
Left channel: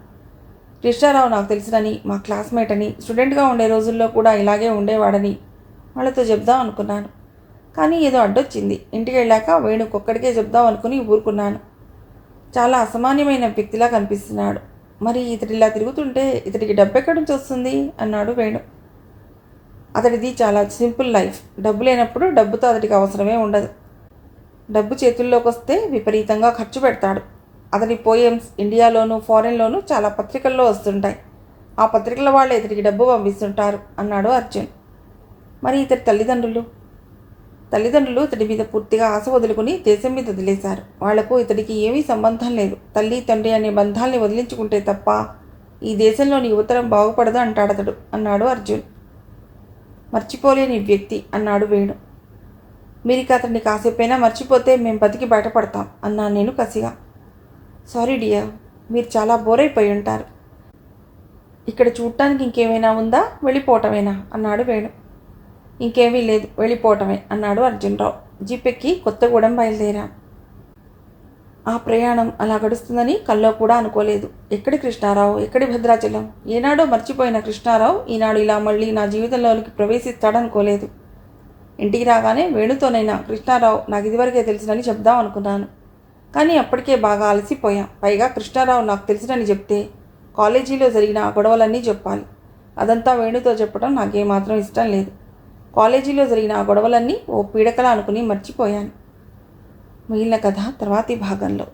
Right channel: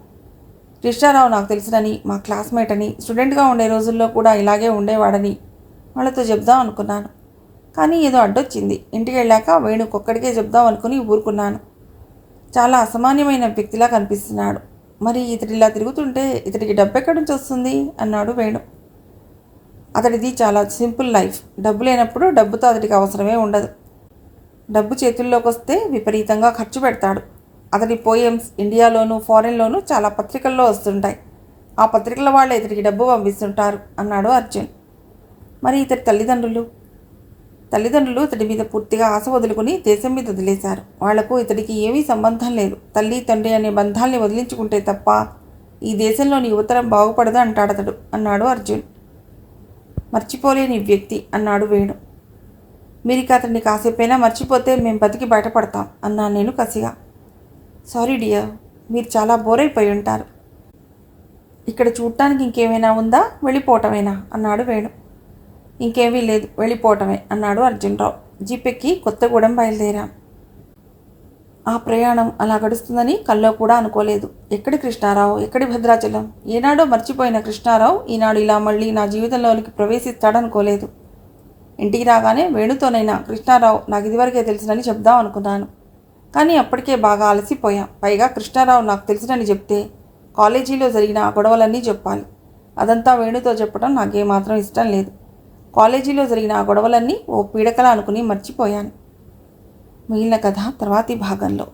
కృష్ణారావు నాకు తెలుసునని, మా క్లాస్మేట్ అని, స్టూడెంట్గా ఉండే రోజుల్లో కూడా ఇలాగే ఉండేవాడని వాళ్ళతో చెప్దాం అనుకున్నాను. కానీ ఏదో అడ్డొచ్చింది. ఇంటికి వెళ్ళాక వేణుకొక్కడికే చెప్దాం అనుకుని ఊరుకున్నాను. చాలా అసామాన్యమైన వ్యక్తిలా కనిపిస్తున్నాడు. మరి ఇతడిలా తిరుగుతుంటే ఇతడికి డబ్బు ఎక్కడి నుంచి వస్తుంది అన్నాడు వేణు. అతడిది చాలా సింపుల్ లైఫ్. డబ్బు లేనప్పుడు డబ్బుతో అతడికి అవసరమే ఉండదు. డబ్బు చేతుల్లోకి వస్తే విపరీతంగా ఖర్చు పెడతాడు. అతడి పోయమ్స్ ఇండియాలోనూ ఫారెన్లోనూ చాలా పత్రికల్లో వస్తుంటాయి. ఆ పత్రికల వాళ్ళు ఇతడికి డబ్బు పంపిస్తుంటారు అన్నాడు అర్జున్. మరి ఇతడి తల్లిదండ్రులు ఇతడి మీద పూర్తిగా ఆశ వదులుకుని దేశం మీద వదిలేశారు. వాళ్లకు ఇతడికి ఏమీ సంబంధం లేదు. తల్లి తండ్రి అనే బంధాల్ని వదిలించుకుంటే తప్ప ఈ దేశంలోని యువతరం బాగుపడదు అంటాడతడు అన్నాడు అర్జున్. మర్చిపోలేని వ్యక్తి అన్నాడు వేణు. మీరిక అతన్ని కాసేపైనా మర్చిపోతే మేము బతికి బయటపడతాం అన్నాను నేను కసిగా. సారీ డియర్, మీరు చాలా బోర్ అయిపోయి ఉంటారు. ఇక్కడ చూడటానికి ఇంకేమైనా ఉందా, వెళ్ళిపోవటమేనా అన్నాడు వేణు. ఇంకేమీ లేదు, వెళ్ళిపోవటమే అన్నాడు అర్జున్రావు. జీపెక్కి కొత్తగూడెం బయలుదేరాం. ఆ ప్రయాణం అలా గడుస్తుందని కల్లో కూడా అనుకోలేదు. ఎక్కడి కృష్ణారావు, ఎక్కడి భద్రాచలం? ఏనాడో మర్చిపోయిన కృష్ణారావు ఈనాడు ఇలా మళ్ళీ నా జీవితంలోనికి ప్రవేశిస్తాడనుకోలేదు. ఇంటికి రాగానే వేణుతోనైనా కృష్ణారావు నాకు ఇదివరకే తెలుసునని చెప్దాం అనుకున్నాను. కానీ అప్పటికే బాగా అలసిపోయాం. పైగా కృష్ణారావు నాకు తెలుసునని చెప్తే కాలేజీలో జరిగిన ఆ గొడవలన్నీ చెప్పాలి. అదంతా వేణుతో చెప్పడం నాకేమాత్రం ఇష్టం లేదు. కాలేజీలో జరిగిన ఆ గొడవలన్నీ ఓ పీడకల అనుకుని మర్చిపోయాను. మిగిలిన కథ తర్వాతి భాగంలో.